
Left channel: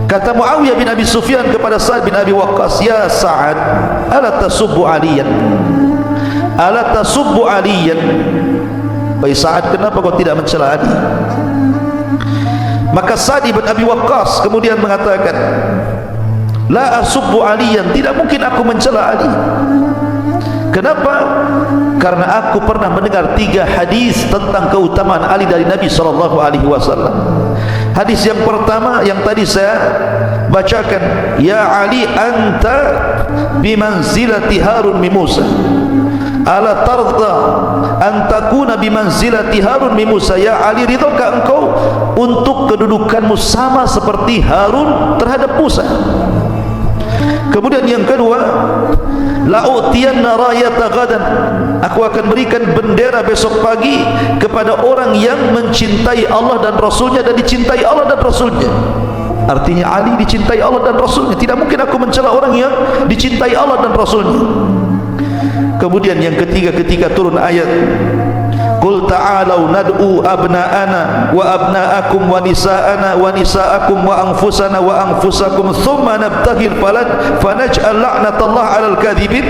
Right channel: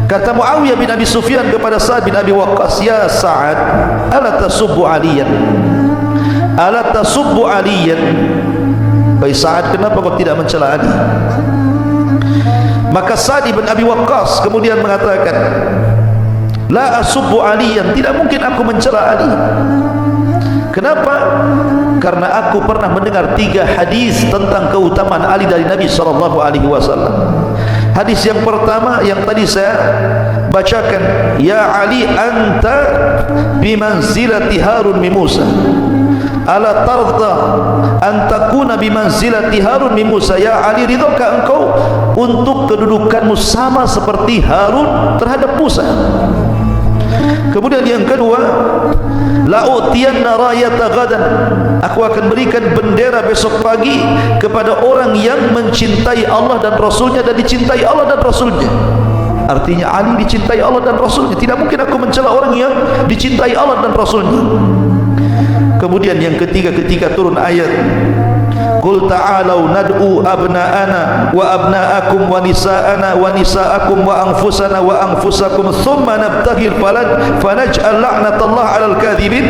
Kata Muawiyah bin Abi Sufyan kepada Sa'ad bin Abi Waqqas, "Ya Sa'ad, ala tasubbu Aliyan? Ala tasubbu Aliyan?" Wahai Sa'ad, kenapa kau tidak mencela Ali? Maka Sa'ad bin Abi Waqqas kemudian mengatakan, "La asubbu Aliyan, tidak mungkin aku mencela Ali." Kenapa? Karena aku pernah mendengar 3 hadis tentang keutamaan Ali dari Nabi SAW. Hadis yang pertama yang tadi saya bacakan, "Ya Ali, anta bimanzilati Harun min Musa. Ala tarda an takuna bimanzilati Harun min Musa." Ya Ali, ridhokah engkau untuk kedudukanmu sama seperti Harun terhadap Musa? Kemudian yang kedua, "La'utiyanna rayata ghadan." Aku akan berikan bendera besok pagi kepada orang yang mencintai Allah dan Rasulnya dan dicintai Allah dan Rasulnya. Artinya Ali dicintai Allah dan Rasulnya. Tidak mungkin aku mencela orang yang dicintai Allah dan Rasulnya. Kemudian yang ketiga, ketika turun ayat, "Qul ta'alau nad'u abna'ana wa abna'akum wa nisa'ana wa nisa'akum wa anfusana wa anfusakum thumma nabtaghil fanaj'al la'natallahi 'alal kadhibin."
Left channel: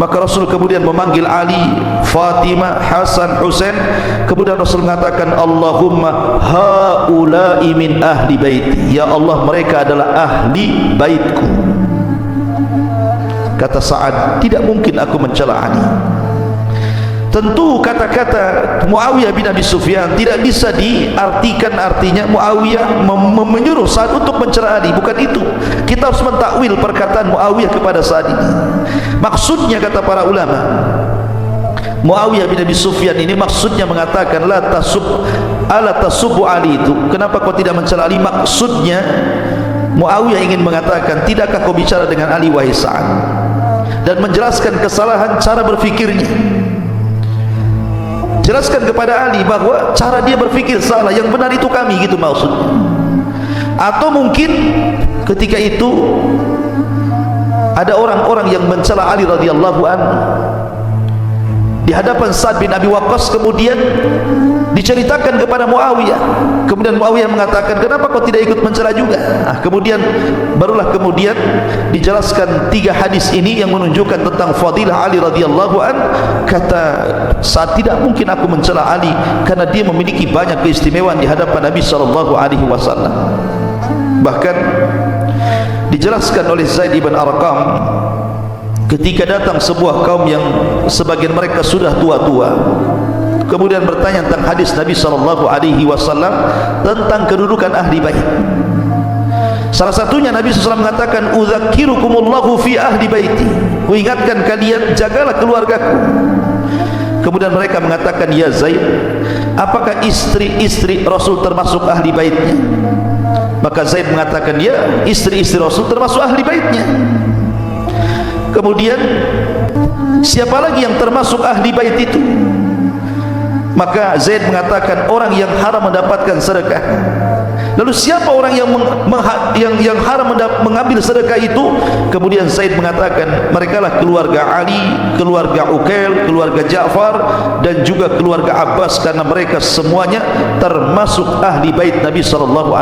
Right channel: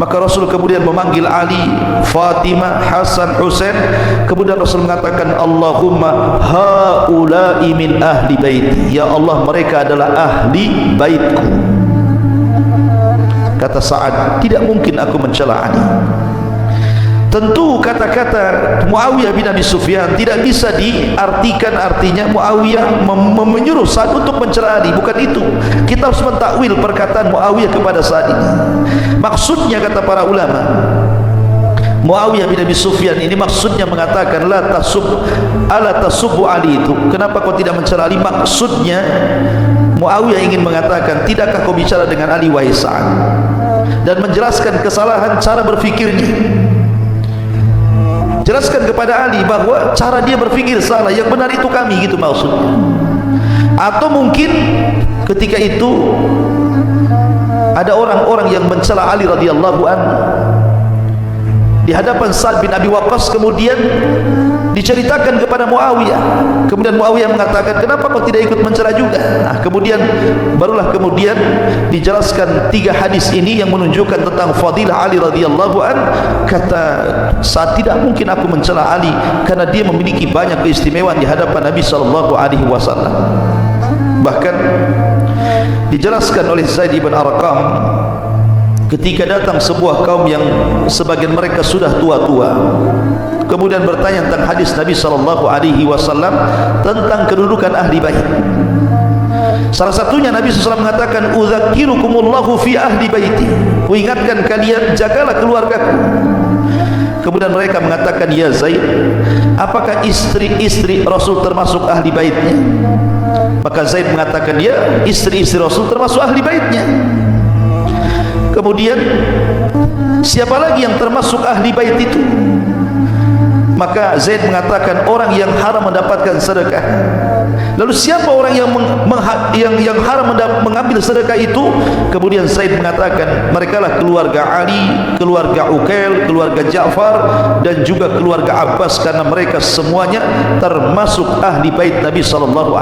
Maka Rasul kemudian memanggil Ali, Fatimah, Hasan, Husain. Kemudian Rasul mengatakan, "Allahumma haula'i min ahli baiti." Ya Allah, mereka adalah ahli baitku. Kata Sa'ad, tidak mungkin aku mencela Ali. Tentu kata-kata Muawiyah bin Abi Sufyan tidak bisa diartikan artinya Muawiyah menyuruh Sa'ad untuk mencela Ali. Bukan itu. Kita harus mentakwil perkataan Muawiyah kepada Sa'ad ini. Maksudnya kata para ulama, Muawiyah bin Abi Sufyan ini maksudnya mengatakan la tasubbu Ali itu. Kenapa kau tidak mencela Ali? Maksudnya Muawiyah ingin mengatakan, tidakkah kau bicara dengan Ali wahai Sa'ad, dan menjelaskan kesalahan cara berfikirnya. Jelaskan kepada Ali bahwa cara dia berfikir salah, yang benar itu kami, gitu maksudnya. Atau mungkin ketika itu ada orang-orang yang mencela Ali radhiyallahu anhu di hadapan Sa'ad bin Abi Waqqas, kemudian diceritakan kepada Muawiyah. Kemudian Muawiyah mengatakan, "Kenapa kau tidak ikut mencela juga?" Nah, barulah kemudian dijelaskan 3 hadis ini yang menunjukkan tentang fadilah Ali radhiyallahu anhu. Kata Sa'ad, tidak mungkin aku mencela Ali karena dia memiliki banyak keistimewaan di hadapan Nabi sallallahu alaihi wasallam. Bahkan dijelaskan oleh Zaid bin Arqam, ketika datang sebuah kaum yang sebagian mereka sudah tua-tua, kemudian bertanya tentang hadis Nabi sallallahu alaihi wasallam tentang kedudukan ahli bait. Salah satunya Nabi SAW mengatakan, "Udzakirukumullahu fi ahli baiti." Kuingatkan kalian, jagalah keluargaku. Kemudian mereka mengatakan, "Ya Zaid, apakah istri-istri Rasul termasuk ahli baitnya? Maka Zaid mengatakan, ya, istri-istri Rasul termasuk ahli baitnya. Kemudian siapa lagi yang termasuk ahli bait itu? Maka Zaid mengatakan, orang yang haram mendapatkan sedekah. Lalu siapa orang yang haram mengambil sedekah itu? Kemudian Zaid mengatakan, merekalah keluarga Ali, keluarga Uqail, keluarga Ja'far, dan juga keluarga Abbas, karena mereka semuanya termasuk ahli bait Nabi SAW.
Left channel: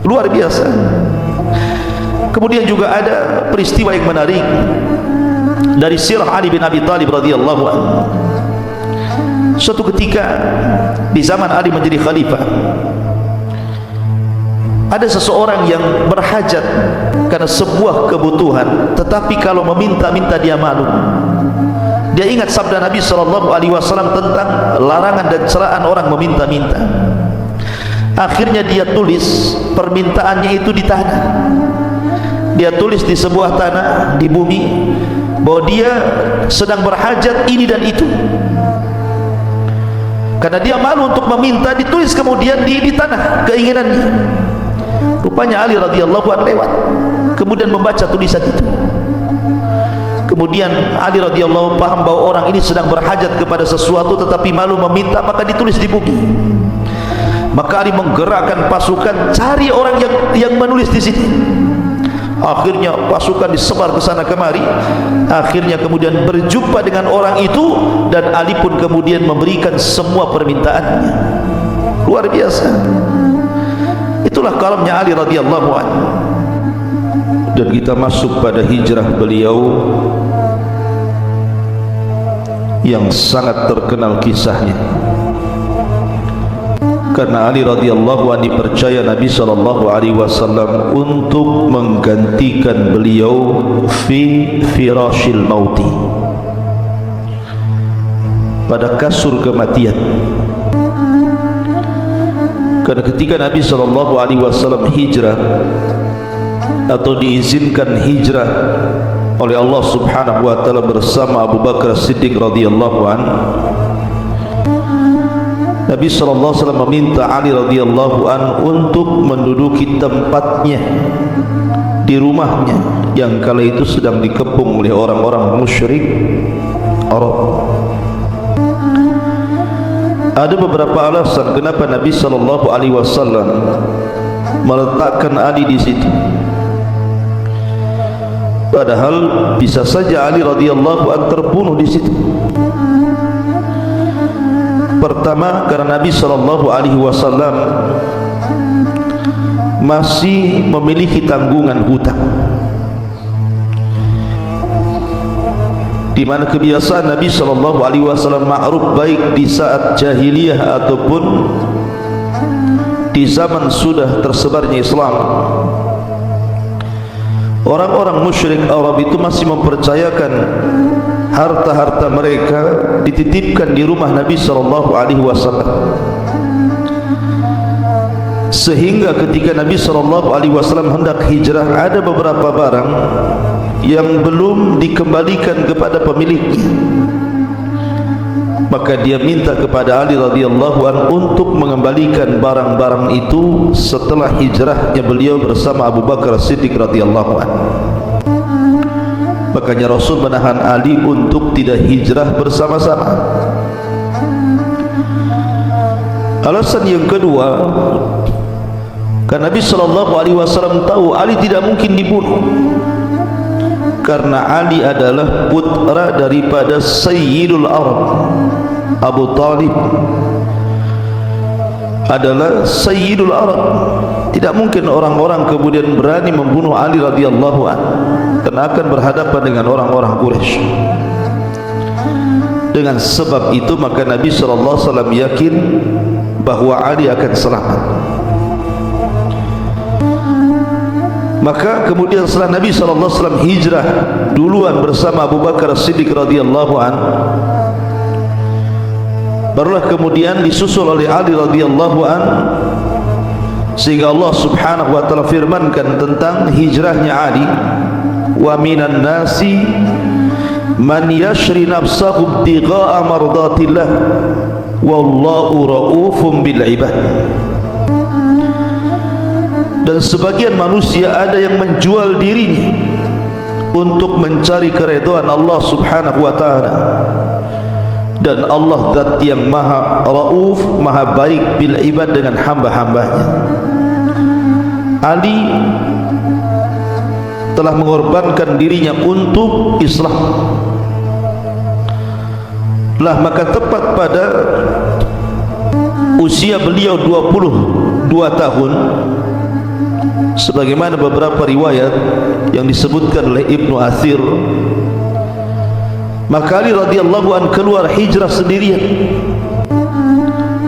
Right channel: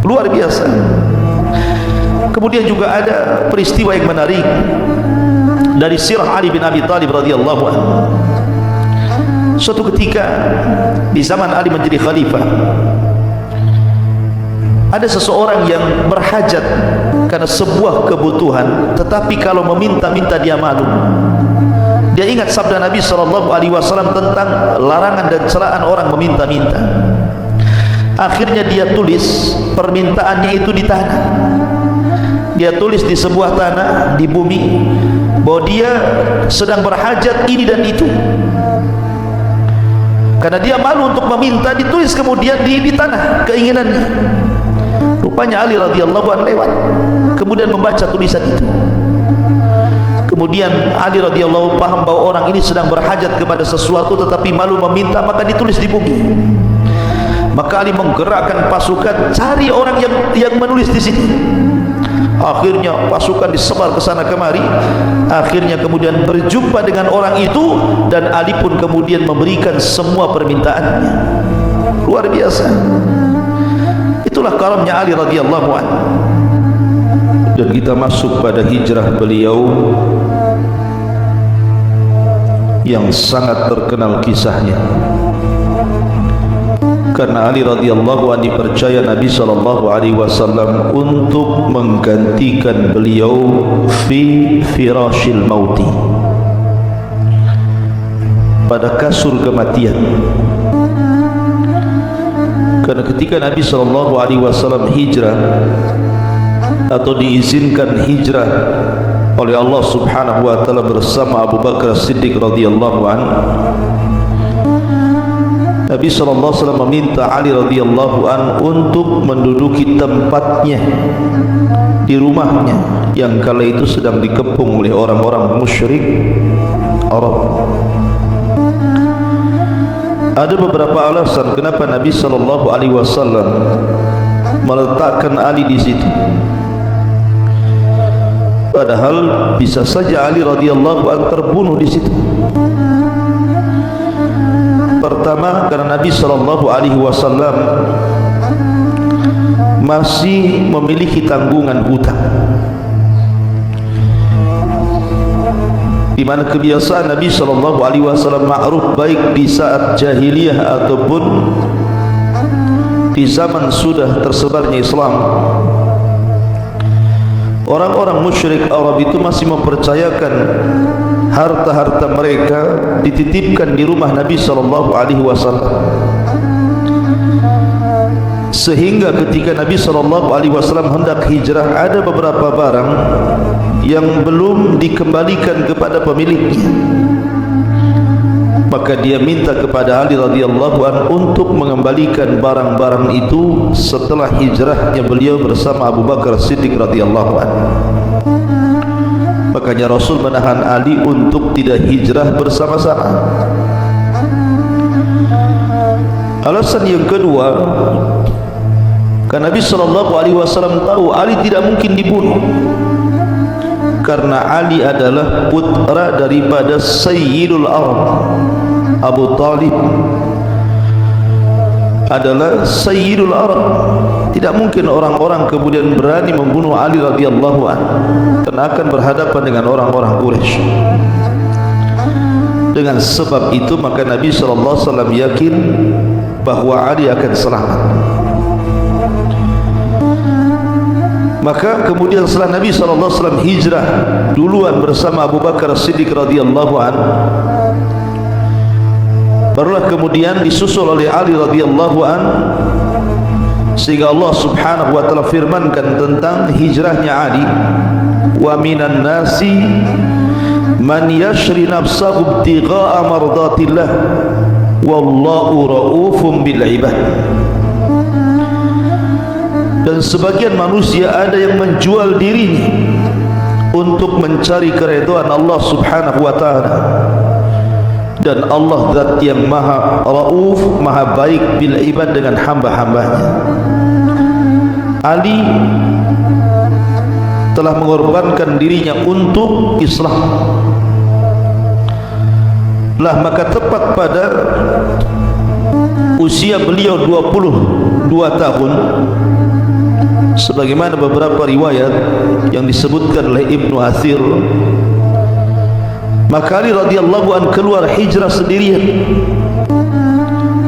Luar biasa. Kemudian juga ada peristiwa yang menarik dari sirah Ali bin Abi Thalib radhiyallahu anhu. Suatu ketika di zaman Ali menjadi khalifah, ada seseorang yang berhajat karena sebuah kebutuhan, tetapi kalau meminta-minta dia malu. Dia ingat sabda Nabi SAW tentang larangan dan celaan orang meminta-minta. Akhirnya dia tulis permintaannya itu di tanah. Dia tulis di sebuah tanah di bumi bahwa dia sedang berhajat ini dan itu. Karena dia malu untuk meminta, ditulis kemudian di tanah keinginannya. Rupanya Ali radhiyallahu anhu lewat, kemudian membaca tulisan itu. Kemudian Ali radhiyallahu anhu paham bahwa orang ini sedang berhajat kepada sesuatu tetapi malu meminta, maka ditulis di bumi. Maka Ali menggerakkan pasukan cari orang yang menulis di sini. Akhirnya pasukan disebar ke sana kemari. Akhirnya kemudian berjumpa dengan orang itu, dan Ali pun kemudian memberikan semua permintaannya. Luar biasa. Itulah karamnya Ali radhiyallahu anhu. Dan kita masuk pada hijrah beliau yang sangat terkenal kisahnya. Karena Ali radhiyallahu anhu dipercaya Nabi SAW untuk menggantikan beliau fi firashil mauti, pada kasur kematian. Karena ketika Nabi SAW hijrah atau diizinkan hijrah oleh Allah Subhanahu wa taala bersama Abu Bakar Siddiq radhiyallahu anhu, Nabi SAW meminta Ali radhiyallahu anhu untuk menduduki tempatnya di rumahnya yang kala itu sedang dikepung oleh orang-orang musyrik Arab. Ada beberapa alasan kenapa Nabi SAW meletakkan Ali di situ. Padahal bisa saja Ali radhiyallahu anhu terbunuh di situ. Pertama, karena Nabi SAW masih memiliki tanggungan hutang, di mana kebiasaan Nabi SAW ma'ruf baik di saat jahiliyah ataupun di zaman sudah tersebarnya Islam. Orang-orang musyrik Arab itu masih mempercayakan harta-harta mereka dititipkan di rumah Nabi SAW. Sehingga ketika Nabi SAW hendak hijrah, ada beberapa barang yang belum dikembalikan kepada pemiliknya. Maka dia minta kepada Ali radhiyallahu anhu untuk mengembalikan barang-barang itu setelah hijrahnya beliau bersama Abu Bakar Siddiq radhiyallahu anhu. Makanya Rasul menahan Ali untuk tidak hijrah bersama-sama. Alasan yang kedua, karena Nabi SAW tahu Ali tidak mungkin dibunuh, karena Ali adalah putra daripada Sayyidul Arab. Abu Talib adalah Sayyidul Arab. Tidak mungkin orang-orang kemudian berani membunuh Ali radhiyallahu anhu, karena akan berhadapan dengan orang-orang Quraisy. Dengan sebab itu maka Nabi SAW yakin bahwa Ali akan selamat. Maka kemudian setelah Nabi SAW hijrah duluan bersama Abu Bakar Siddiq radhiyallahu anhu, barulah kemudian disusul oleh Ali radhiyallahu anhu, sehingga Allah Subhanahu wa taala firmankan tentang hijrahnya Ali, wa minan nasi man yashri nafsahu ibtigha'a mardatillah wallahu raufum bil ibad. Dan sebagian manusia ada yang menjual dirinya untuk mencari keridhaan Allah subhanahu wa ta'ala, dan Allah zat yang maha rauf, maha baik bil ibad dengan hamba-hambanya. Ali telah mengorbankan dirinya untuk Islam. Lah maka tepat pada usia beliau 22 tahun, sebagaimana beberapa riwayat yang disebutkan oleh Ibnu Athir, maka Ali radhiyallahu anhu keluar hijrah sendirian.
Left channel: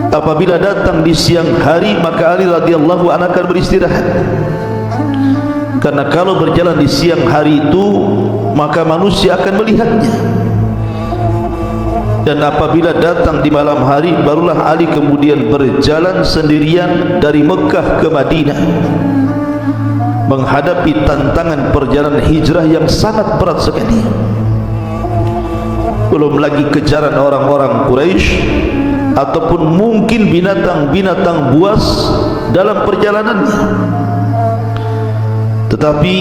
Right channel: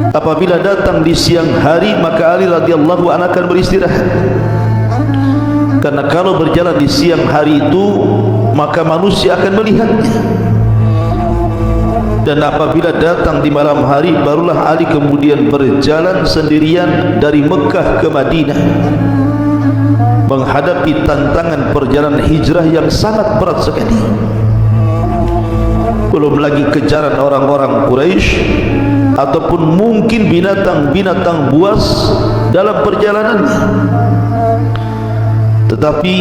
Apabila datang di siang hari, maka Ali radhiyallahu anhu akan beristirahat, karena kalau berjalan di siang hari itu maka manusia akan melihatnya. Dan apabila datang di malam hari, barulah Ali kemudian berjalan sendirian dari Mekah ke Madinah, menghadapi tantangan perjalanan hijrah yang sangat berat sekali. Belum lagi kejaran orang-orang Quraisy ataupun mungkin binatang-binatang buas dalam perjalanannya. Tetapi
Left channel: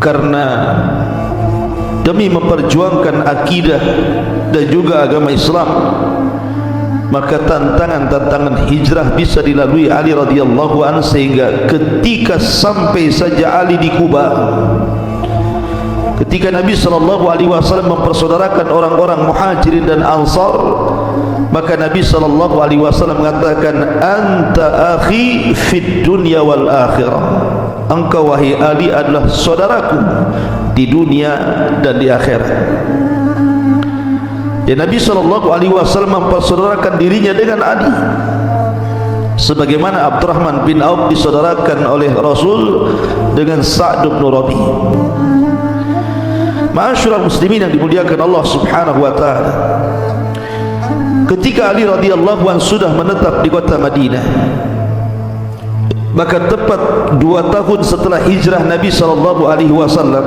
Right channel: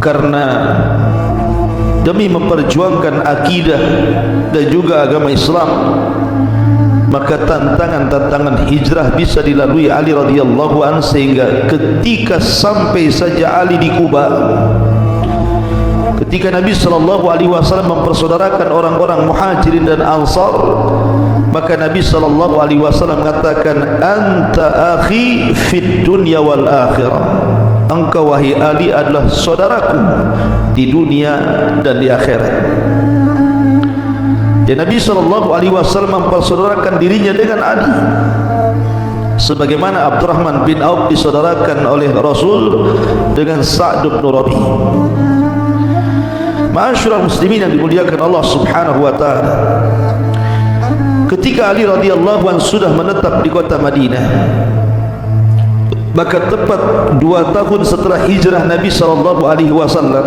karena demi memperjuangkan akidah dan juga agama Islam, maka tantangan-tantangan hijrah bisa dilalui Ali radhiyallahu anhu, sehingga ketika sampai saja Ali di Kuba, ketika Nabi sallallahu alaihi wasallam mempersaudarakan orang-orang Muhajirin dan Ansar, maka Nabi sallallahu alaihi wasallam mengatakan, anta akhi fid dunya wal akhirah. Engkau wahai Ali adalah saudaraku di dunia dan di akhirat. Dan Nabi sallallahu alaihi wasallam mempersaudarakan dirinya dengan Ali, sebagaimana Abdurrahman bin Auf disaudarakan oleh Rasul dengan Sa'd bin Rabi. Ma'asyiral muslimin yang dimuliakan Allah subhanahu wa ta'ala, ketika Ali radhiyallahu anhu sudah menetap di kota Madinah, maka tepat 2 tahun setelah hijrah Nabi sallallahu alaihi wasallam,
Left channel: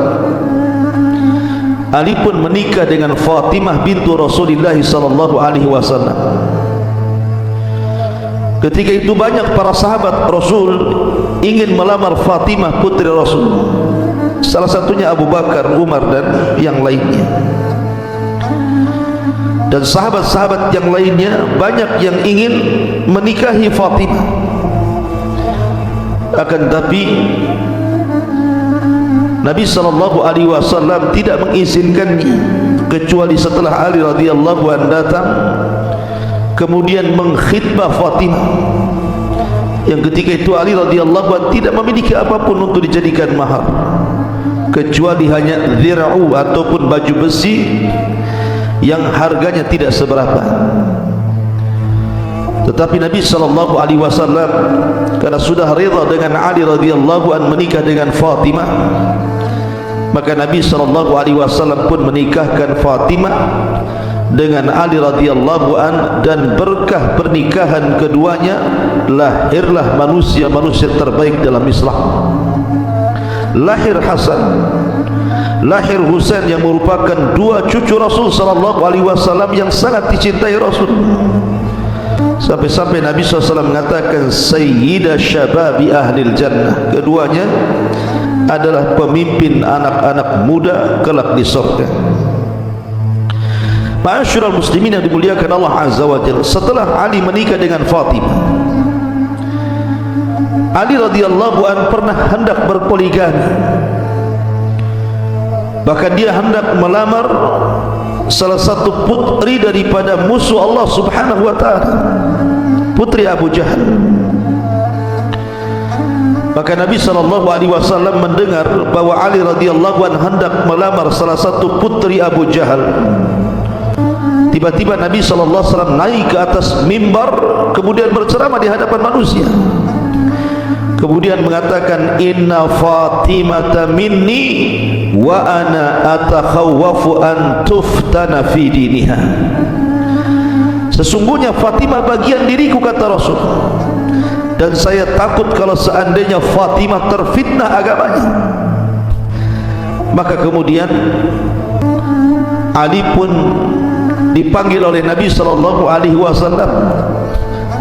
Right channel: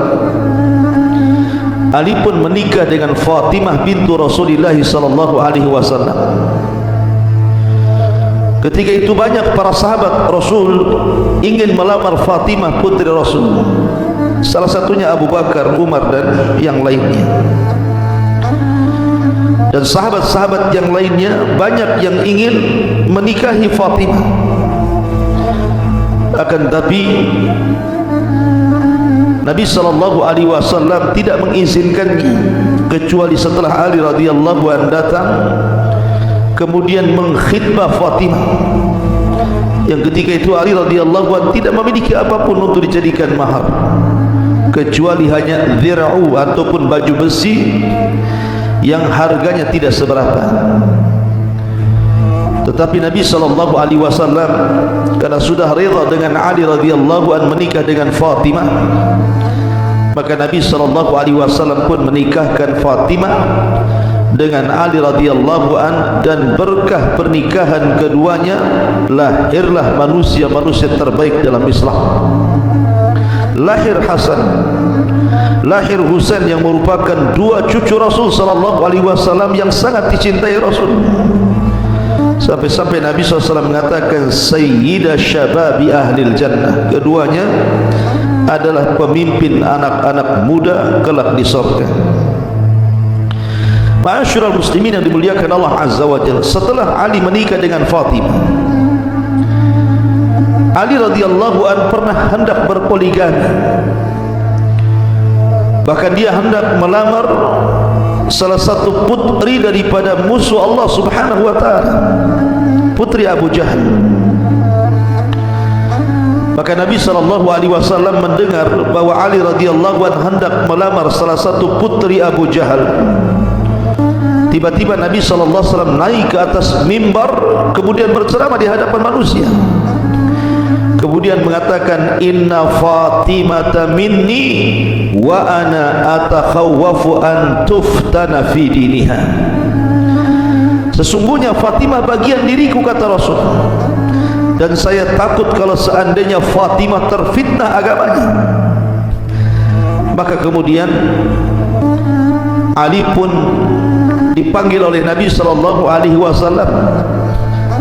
Ali pun menikah dengan Fatimah bintu Rasulullah sallallahu alaihi wasallam. Ketika itu banyak para sahabat Rasul ingin melamar Fatimah putri Rasul, salah satunya Abu Bakar, Umar dan yang lainnya. Dan sahabat-sahabat yang lainnya banyak yang ingin menikahi Fatimah. Akan tapi Nabi sallallahu alaihi wasallam tidak mengizinkan, kecuali setelah Ali radhiyallahu anhu datang kemudian mengkhitbah Fatimah, yang ketika itu Ali radhiyallahu anhu tidak memiliki apapun untuk dijadikan mahar, kecuali hanya dir'u ataupun baju besi yang harganya tidak seberapa. Tetapi Nabi sallallahu alaihi wasallam karena sudah rida dengan Ali radhiyallahu anhu menikah dengan Fatimah, maka Nabi sallallahu alaihi wasallam pun menikahkan Fatimah dengan Ali radhiyallahu anhu, dan berkah pernikahan keduanya lahirlah manusia-manusia terbaik dalam Islam. Lahir Hasan, lahir Husain yang merupakan 2 cucu Rasul sallallahu alaihi wasallam yang sangat dicintai Rasul. Sampai-sampai Nabi SAW mengatakan Sayyidah Syababi Ahlil Jannah, keduanya adalah pemimpin anak-anak muda kelak di surga. Ma'asyiral muslimin yang dimuliakan Allah Azza wa Jalla, setelah Ali menikah dengan Fatimah, Ali radhiyallahu anhu pernah hendak berpoligami. Bahkan dia hendak melamar salah satu putri daripada musuh Allah subhanahu wa ta'ala, putri Abu Jahal. Maka Nabi SAW mendengar bahwa Ali radhiyallahu anhu hendak melamar salah satu putri Abu Jahal. Tiba-tiba Nabi SAW naik ke atas mimbar, kemudian berceramah di hadapan manusia, kemudian mengatakan, inna Fatimata minni wa ana atakhawwafu an tuftana fi diniha. Sesungguhnya Fatimah bagian diriku, kata Rasul, dan saya takut kalau seandainya Fatimah terfitnah agamanya. Maka kemudian Ali pun dipanggil oleh Nabi sallallahu alaihi wasallam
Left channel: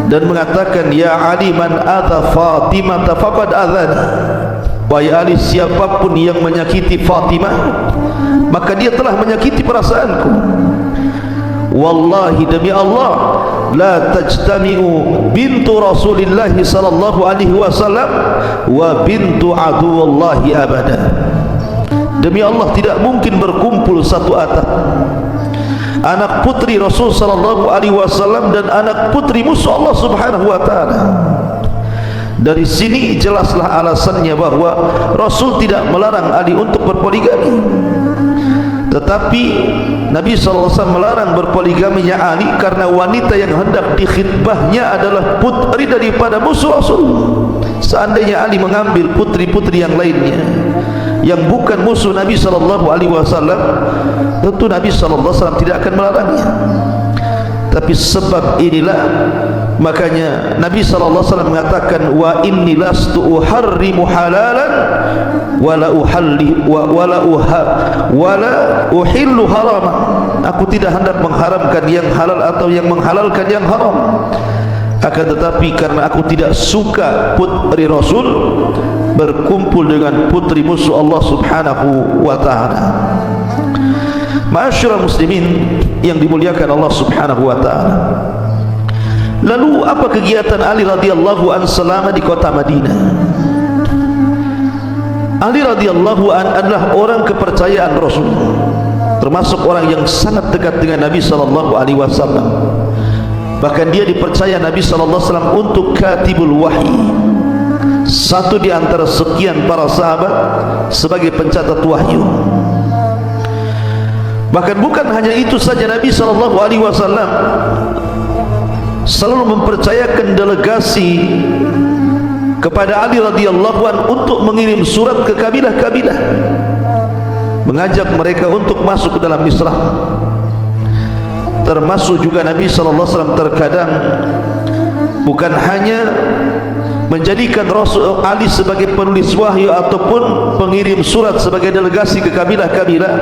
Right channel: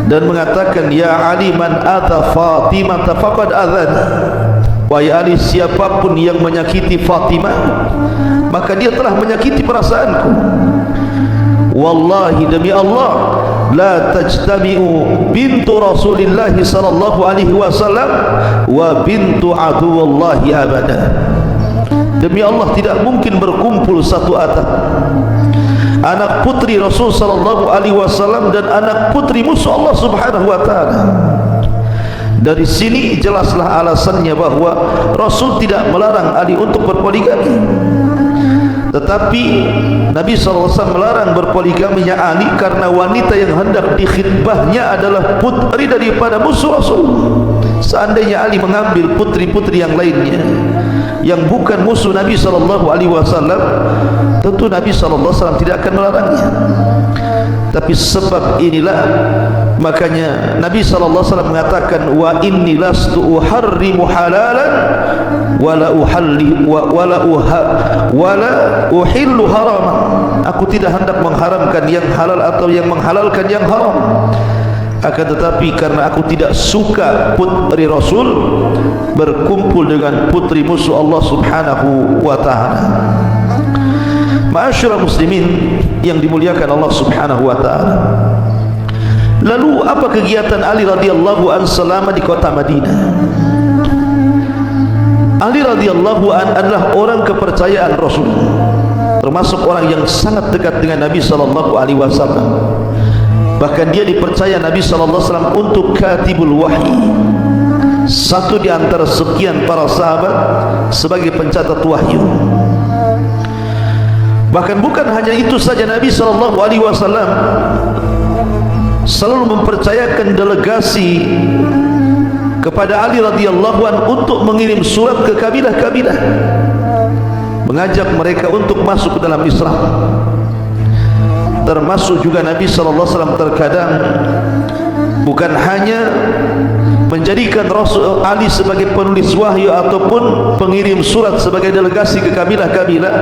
dan mengatakan, ya Ali, man adza Fatimah faqad adzana. Wahai Ali, siapapun yang menyakiti Fatimah, maka dia telah menyakiti perasaanku. Wallahi, demi Allah, la tajtami'u bintu Rasulillah sallallahu alaihi wasallam wa bintu aduwallahi abada. Demi Allah, tidak mungkin berkumpul satu atap anak putri Rasul sallallahu alaihi wasallam dan anak putri musuh Allah subhanahu wa ta'ala. Dari sini jelaslah alasannya bahwa Rasul tidak melarang Ali untuk berpoligami, tetapi Nabi SAW melarang berpoligaminya Ali karena wanita yang hendak dikhidbahnya adalah putri daripada musuh Rasul. Seandainya Ali mengambil putri-putri yang lainnya yang bukan musuh Nabi SAW, tentu Nabi SAW tidak akan melarangnya. Tapi sebab inilah makanya Nabi SAW mengatakan, wa inni lastu uharrimu halalan wala uhillu haram. Aku tidak hendak mengharamkan yang halal atau yang menghalalkan yang haram. Akan tetapi karena aku tidak suka putri Rasul berkumpul dengan putri musuh Allah subhanahu wa ta'ala. Ma'asyiral muslimin yang dimuliakan Allah subhanahu wa ta'ala, lalu apa kegiatan Ali radhiyallahu anhu selama di kota Madinah? Ali radhiyallahu anhu adalah orang kepercayaan Rasul, termasuk orang yang sangat dekat dengan Nabi sallallahu alaihi wasallam. Bahkan dia dipercaya Nabi sallallahu alaihi wasallam untuk katibul wahyi, satu di antara sekian para sahabat sebagai pencatat wahyu. Bahkan bukan hanya itu saja, Nabi sallallahu alaihi wasallam selalu mempercayakan delegasi kepada Ali radhiyallahu anhu untuk mengirim surat ke kabilah-kabilah, mengajak mereka untuk masuk ke dalam Islam. Termasuk juga Nabi sallallahu alaihi wasallam terkadang bukan hanya menjadikan Rasul Ali sebagai penulis wahyu ataupun pengirim surat sebagai delegasi ke kabilah-kabilah,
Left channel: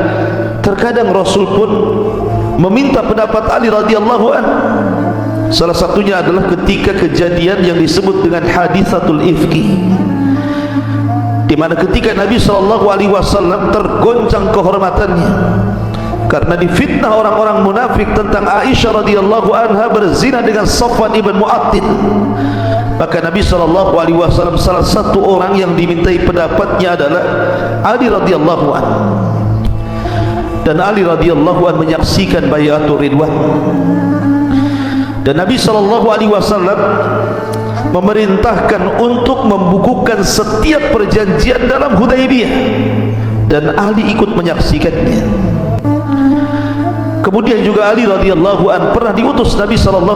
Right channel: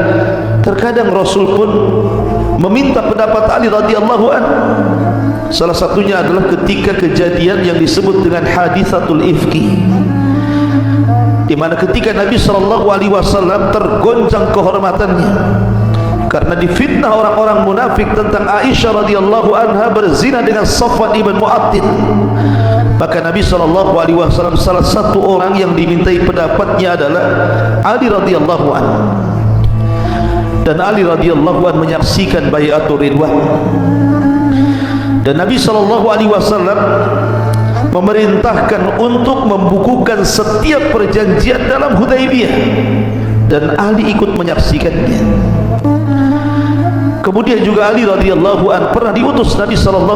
terkadang Rasul pun meminta pendapat Ali radhiyallahu anhu. Salah satunya adalah ketika kejadian yang disebut dengan hadisatul ifki, di mana ketika Nabi sallallahu alaihi wasallam tergoncang kehormatannya karena difitnah orang-orang munafik tentang Aisyah radhiyallahu anha berzina dengan Safwan ibn Mu'attil. Maka Nabi SAW salah satu orang yang dimintai pendapatnya adalah Ali radhiyallahu anhu, dan Ali radhiyallahu anhu menyaksikan bai'atul ridwan. Dan Nabi SAW memerintahkan untuk membukukan setiap perjanjian dalam Hudaybiyah, dan Ali ikut menyaksikannya. Kemudian juga Ali radhiyallahu anhu pernah diutus Nabi SAW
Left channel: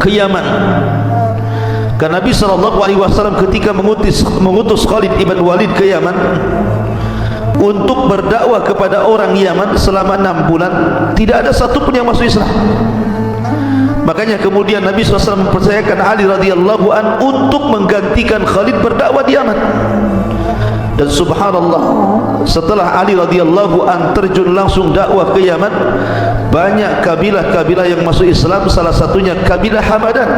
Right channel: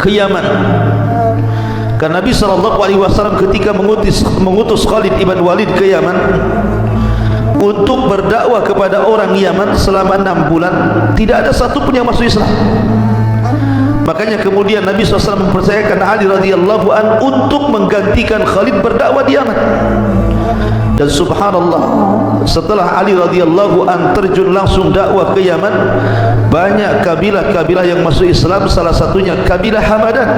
ke Yaman. Karena Nabi SAW ketika mengutus Khalid ibn Walid ke Yaman untuk berdakwah kepada orang Yaman selama 6 bulan, tidak ada satupun yang masuk Islam. Makanya kemudian Nabi SAW mempercayakan Ali radhiyallahu anhu untuk menggantikan Khalid berdakwah di Yaman. Dan subhanallah, setelah Ali radhiyallahu anhu terjun langsung dakwah ke Yaman, banyak kabilah-kabilah yang masuk Islam, salah satunya kabilah Hamadan.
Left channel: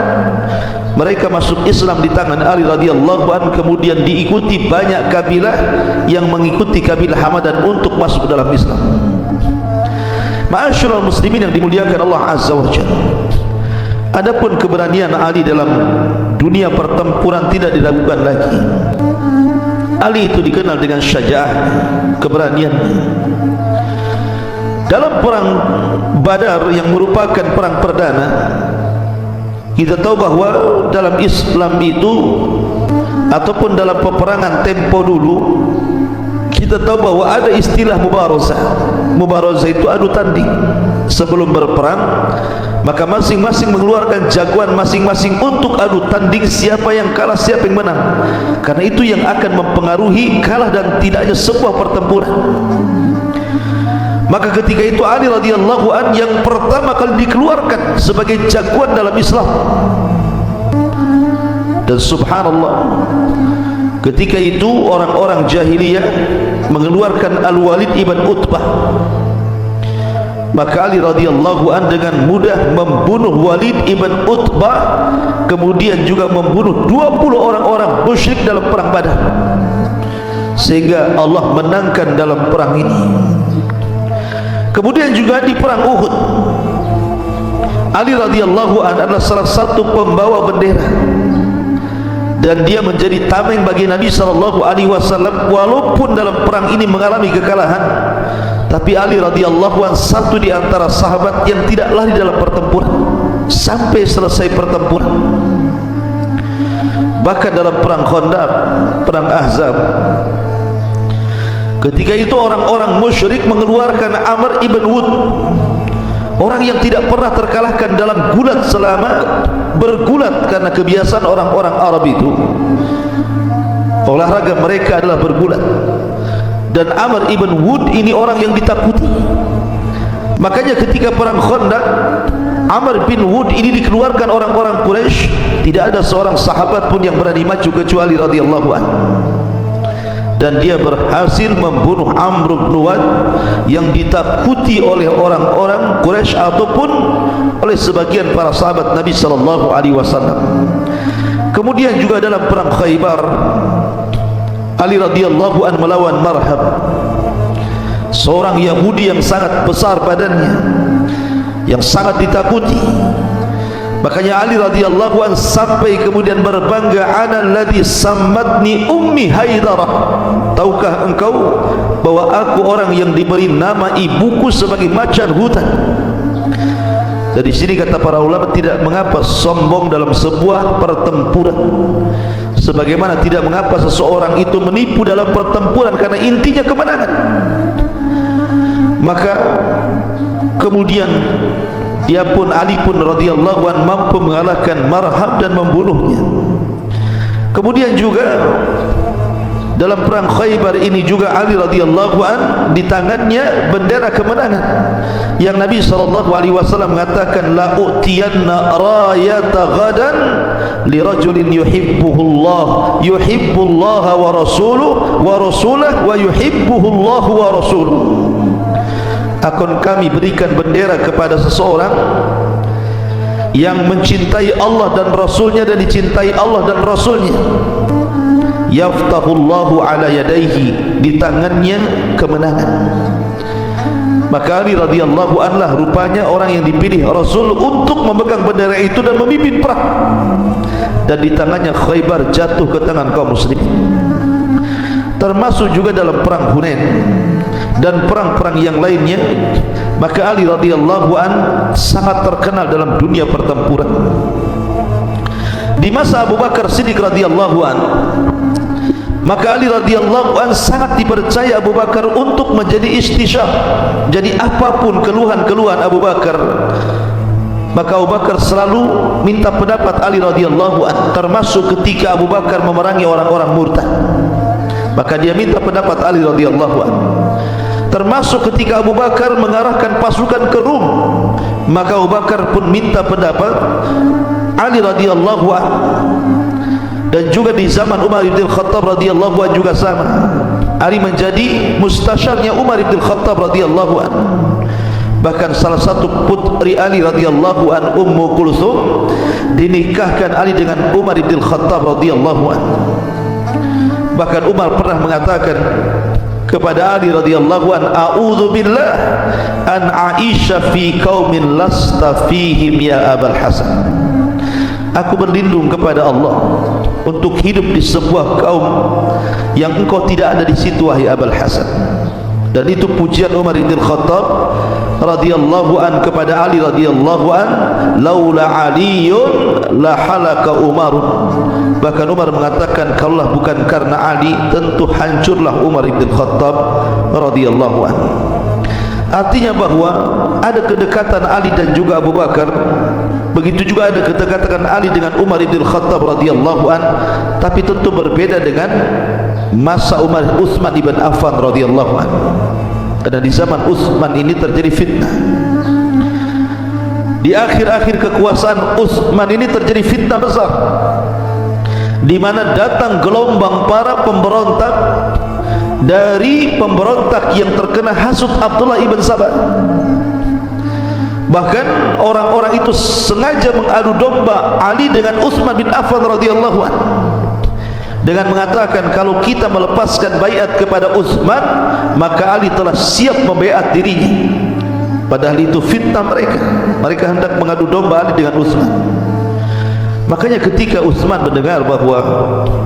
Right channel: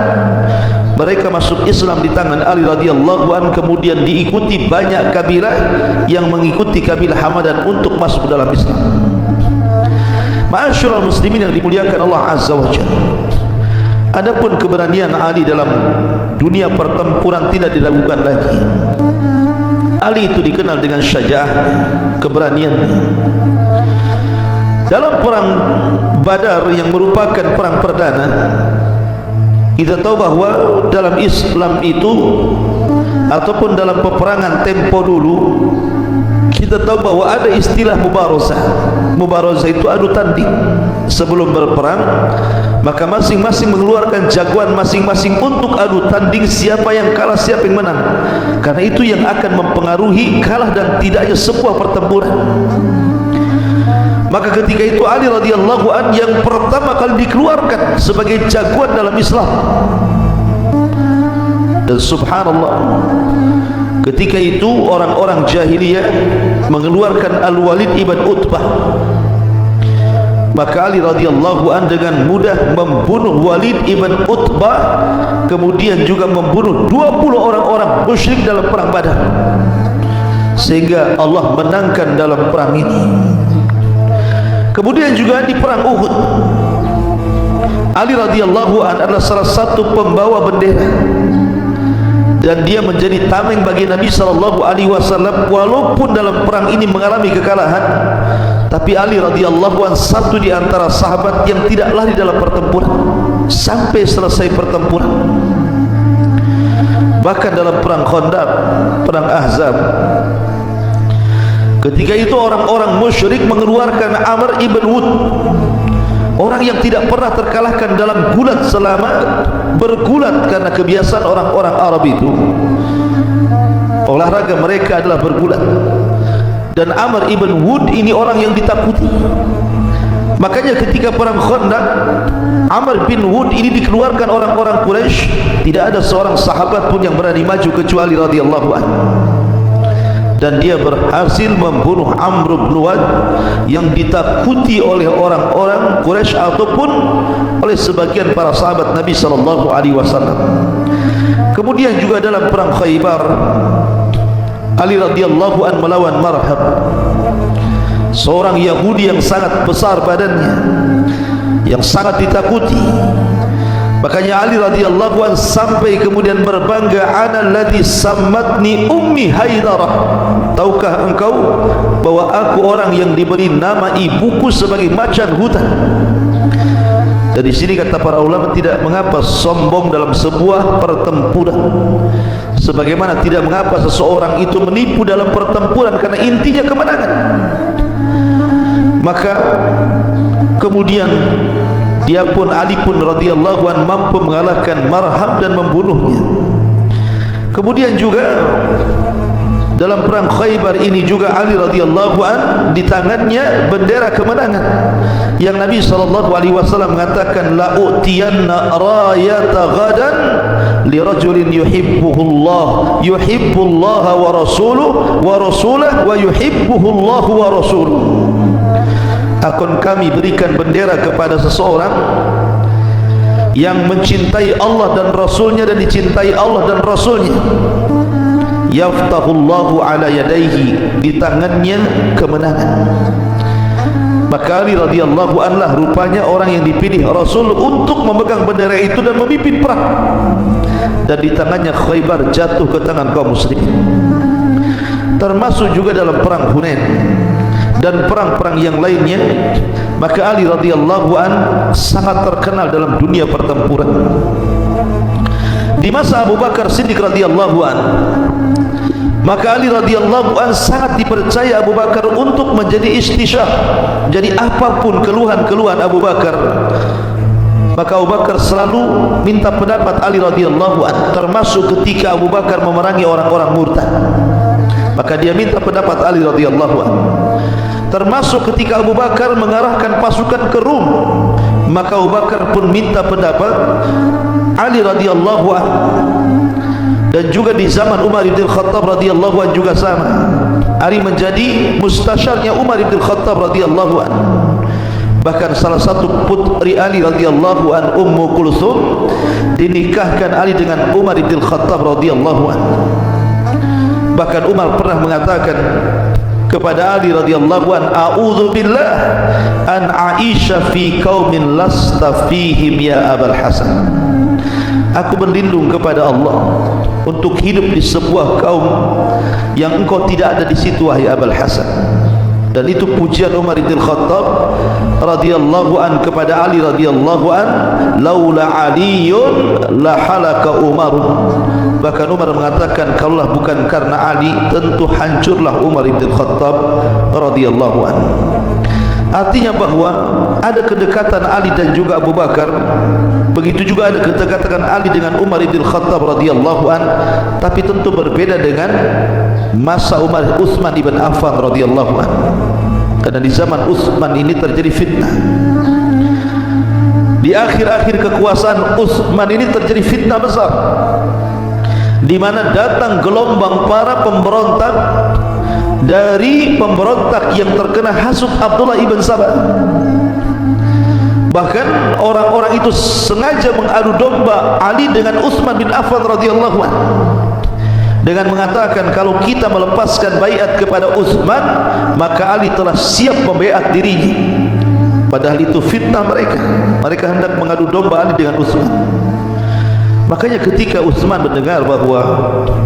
Mereka masuk Islam di tangan Ali radhiyallahu anhu, kemudian diikuti banyak kabilah yang mengikuti kabilah Hamadan untuk masuk ke dalam Islam. Ma'asyiral muslimin yang dimuliakan Allah azza wa jalla, adapun keberanian Ali dalam dunia pertempuran tidak diragukan lagi. Ali itu dikenal dengan syaja'ah, keberanian. Dalam perang Badar yang merupakan perang perdana, kita tahu bahwa dalam Islam itu ataupun dalam peperangan tempo dulu, kita tahu bahwa ada istilah mubarazah. Mubarazah itu adu tanding. Sebelum berperang, maka masing-masing mengeluarkan jagoan masing-masing untuk adu tanding siapa yang kalah, siapa yang menang. Karena itu yang akan mempengaruhi kalah dan tidaknya sebuah pertempuran. Maka ketika itu Ali radhiyallahu anhu yang pertama kali dikeluarkan sebagai jagoan dalam Islam. Dan subhanallah, ketika itu orang-orang jahiliyah mengeluarkan Al-Walid ibn Utbah maka Ali radhiyallahu an dengan mudah membunuh Walid ibn Utbah, kemudian juga membunuh 20 orang-orang musyrik dalam perang Badar, sehingga Allah menangkan dalam perang ini. Kemudian juga di perang Uhud, Ali radhiyallahu an adalah salah satu pembawa bendera, dan dia menjadi tameng bagi Nabi sallallahu alaihi wasallam. Walaupun dalam perang ini mengalami kekalahan, tapi Ali radhiyallahu an satu di antara sahabat yang tidak lari dalam pertempuran sampai selesai pertempuran. Bahkan dalam perang Khandaq, perang Ahzab, ketika itu orang-orang musyrik mengeluarkan Amr ibn Wud, orang yang tidak pernah terkalahkan dalam gulat selama bergulat, karena kebiasaan orang-orang Arab itu olahraga mereka adalah bergulat. Dan Amr ibn Wud ini orang yang ditakuti. Makanya ketika perang Khandaq, Amr bin Wud ini dikeluarkan orang-orang Quraisy, tidak ada seorang sahabat pun yang berani maju kecuali radhiyallahu anhu. Dan dia berhasil membunuh Amr bin Wud yang ditakuti oleh orang-orang Quraisy ataupun oleh sebagian para sahabat Nabi sallallahu alaihi wasallam. Kemudian juga dalam perang Khaybar, Ali radhiyallahu an melawan Marhab, seorang Yahudi yang sangat besar badannya, yang sangat ditakuti. Makanya Ali radhiyallahu an sampai kemudian berbangga, "Ana alladhi sammatni ummi Haidarah." Tahukah engkau bahwa aku orang yang diberi nama ibuku sebagai macan hutan? Dan di sini kata para ulama, tidak mengapa sombong dalam sebuah pertempuran, sebagaimana tidak mengapa seseorang itu menipu dalam pertempuran, karena intinya kemenangan. Maka kemudian dia pun, Ali pun radhiyallahu an mampu mengalahkan Marhab dan membunuhnya. Kemudian juga dalam perang Khaybar ini juga Ali radhiyallahu an di tangannya bendera kemenangan, yang Nabi sallallahu alaihi wasallam mengatakan, la utiyanna rayata ghadan li rajulin yuhibbullah wa rasuluhu wa yuhibbuhullah wa rasuluhu. Akan kami berikan bendera kepada seseorang yang mencintai Allah dan Rasulnya dan dicintai Allah dan Rasulnya. Yaftahullahu ala yadaihi, di tangannya kemenangan. Maka Ali radhiyallahu anhu rupanya orang yang dipilih Rasul untuk memegang bendera itu dan memimpin perang, dan di tangannya Khaybar jatuh ke tangan kaum muslimin. Termasuk juga dalam perang Hunain dan perang-perang yang lainnya. Maka Ali radhiyallahu an sangat terkenal dalam dunia pertempuran. Di masa Abu Bakar Siddiq radhiyallahu an, maka Ali radhiyallahu an sangat dipercaya Abu Bakar untuk menjadi istisyah. Jadi apapun keluhan-keluhan Abu Bakar, maka Abu Bakar selalu minta pendapat Ali radhiyallahu an. Termasuk ketika Abu Bakar memerangi orang-orang murtad, maka dia minta pendapat Ali radhiyallahu an. Termasuk ketika Abu Bakar mengarahkan pasukan ke Rum, maka Abu Bakar pun minta pendapat Ali radhiyallahu an. Dan juga di zaman Umar bin Khattab radhiyallahu an juga sama. Ali menjadi mustasyarnya Umar bin Khattab radhiyallahu an. Bahkan salah satu putri Ali radhiyallahu an, Ummu Kulthum, dinikahkan Ali dengan Umar bin Khattab radhiyallahu an. Bahkan Umar pernah mengatakan kepada Ali radhiyallahu an, a'udzu billah an Aisyah fi qaumin lasta fihim ya Abul Hasan. Aku berlindung kepada Allah untuk hidup di sebuah kaum yang engkau tidak ada di situ, wahai Abul Hasan. Dan itu pujian Umar bin Khattab radhiyallahu an kepada Ali radhiyallahu an, laula aliyun la halaka Umar. Bahkan Umar mengatakan, kalaulah bukan karena Ali, tentu hancurlah Umar bin Khattab radhiyallahu an. Artinya bahwa ada kedekatan Ali dan juga Abu Bakar. Begitu juga ada kedekatan Ali dengan Umar bin Khattab radhiyallahu an, tapi tentu berbeda dengan masa Utsman bin Affan radhiyallahu an. Karena di zaman Utsman ini terjadi fitnah. Di akhir-akhir kekuasaan Utsman ini terjadi fitnah besar, di mana datang gelombang para pemberontak dari pemberontak yang terkena hasut Abdullah ibn Sabah. Bahkan orang-orang itu sengaja mengadu domba Ali dengan Utsman bin Affan radhiyallahu anhu dengan mengatakan kalau kita melepaskan baiat kepada Utsman maka Ali telah siap membaiat dirinya. Padahal itu fitnah mereka. Mereka hendak mengadu domba Ali dengan Utsman. Makanya ketika Utsman mendengar bahwa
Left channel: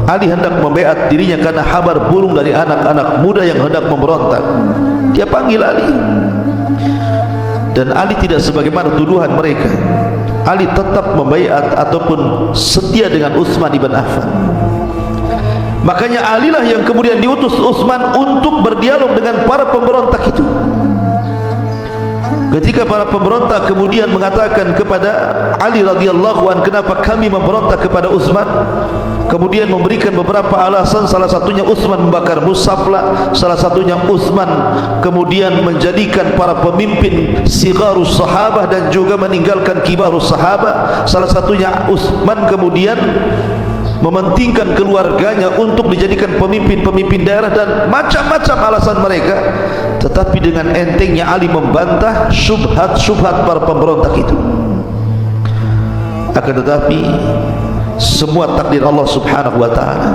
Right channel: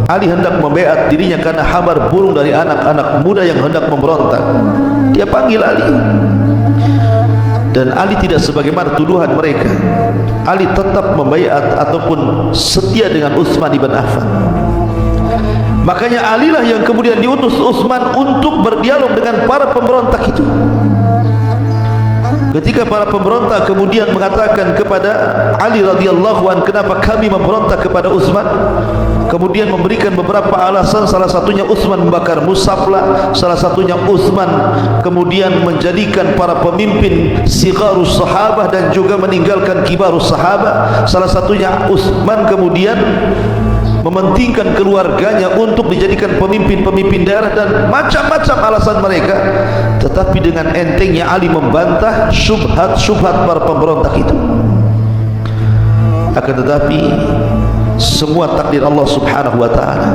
Ali hendak membaiat dirinya karena kabar burung dari anak-anak muda yang hendak memberontak, dia panggil Ali. Dan Ali tidak sebagaimana tuduhan mereka. Ali tetap membaiat ataupun setia dengan Utsman ibn Affan. Makanya Ali lah yang kemudian diutus Utsman untuk berdialog dengan para pemberontak itu. Ketika para pemberontak kemudian mengatakan kepada Ali radhiyallahu anhu, kenapa kami memberontak kepada Utsman? Kemudian memberikan beberapa alasan, salah satunya Utsman membakar mushaf lah, salah satunya Utsman kemudian menjadikan para pemimpin sigharus sahabah dan juga meninggalkan kibarus sahabah, salah satunya Utsman kemudian mementingkan keluarganya untuk dijadikan pemimpin-pemimpin daerah, dan macam-macam alasan mereka. Tetapi dengan entengnya Ali membantah syubhat-syubhat para pemberontak itu. Akan tetapi semua takdir Allah subhanahu wa ta'ala.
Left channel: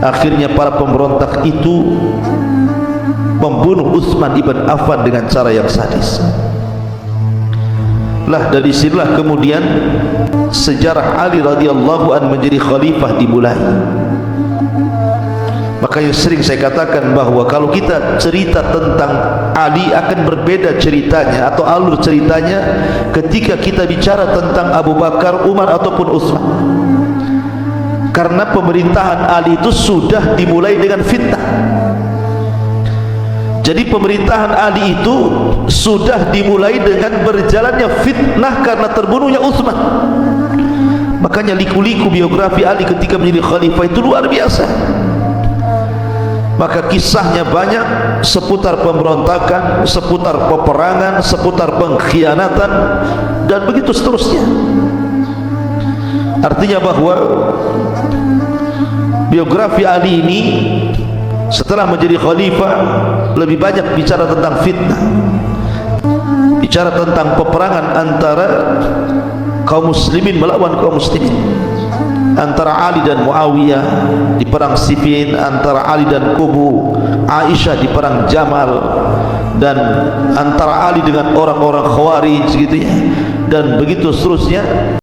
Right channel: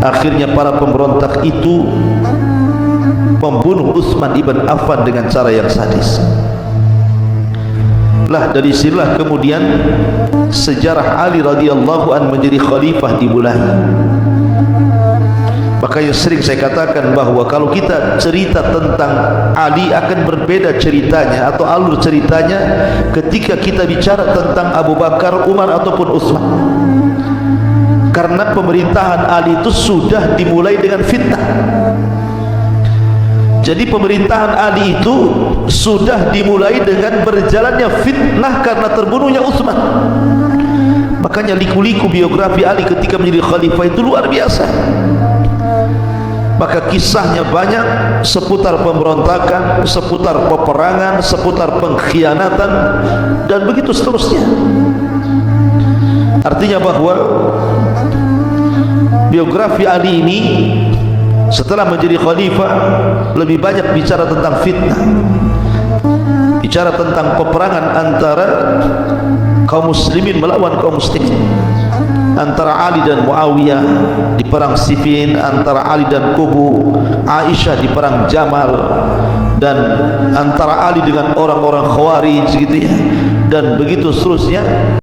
Akhirnya para pemberontak itu membunuh Utsman ibn Affan dengan cara yang sadis. Lah dari sinilah kemudian sejarah Ali radhiyallahu anhu menjadi khalifah dimulai. Makanya sering saya katakan bahwa kalau kita cerita tentang Ali akan berbeda ceritanya atau alur ceritanya ketika kita bicara tentang Abu Bakar, Umar ataupun Utsman. Karena pemerintahan Ali itu sudah dimulai dengan fitnah. Jadi pemerintahan Ali itu sudah dimulai dengan berjalannya fitnah karena terbunuhnya Utsman. Makanya liku-liku biografi Ali ketika menjadi khalifah itu luar biasa. Maka kisahnya banyak seputar pemberontakan, seputar peperangan, seputar pengkhianatan, dan begitu seterusnya. Artinya bahwa biografi Ali ini setelah menjadi khalifah lebih banyak bicara tentang fitnah, bicara tentang peperangan antara kaum muslimin melawan kaum muslimin, antara Ali dan Muawiyah di perang Siffin, antara Ali dan kubu Aisyah di perang Jamal, dan antara Ali dengan orang-orang Khawarij gitu ya, dan begitu seterusnya.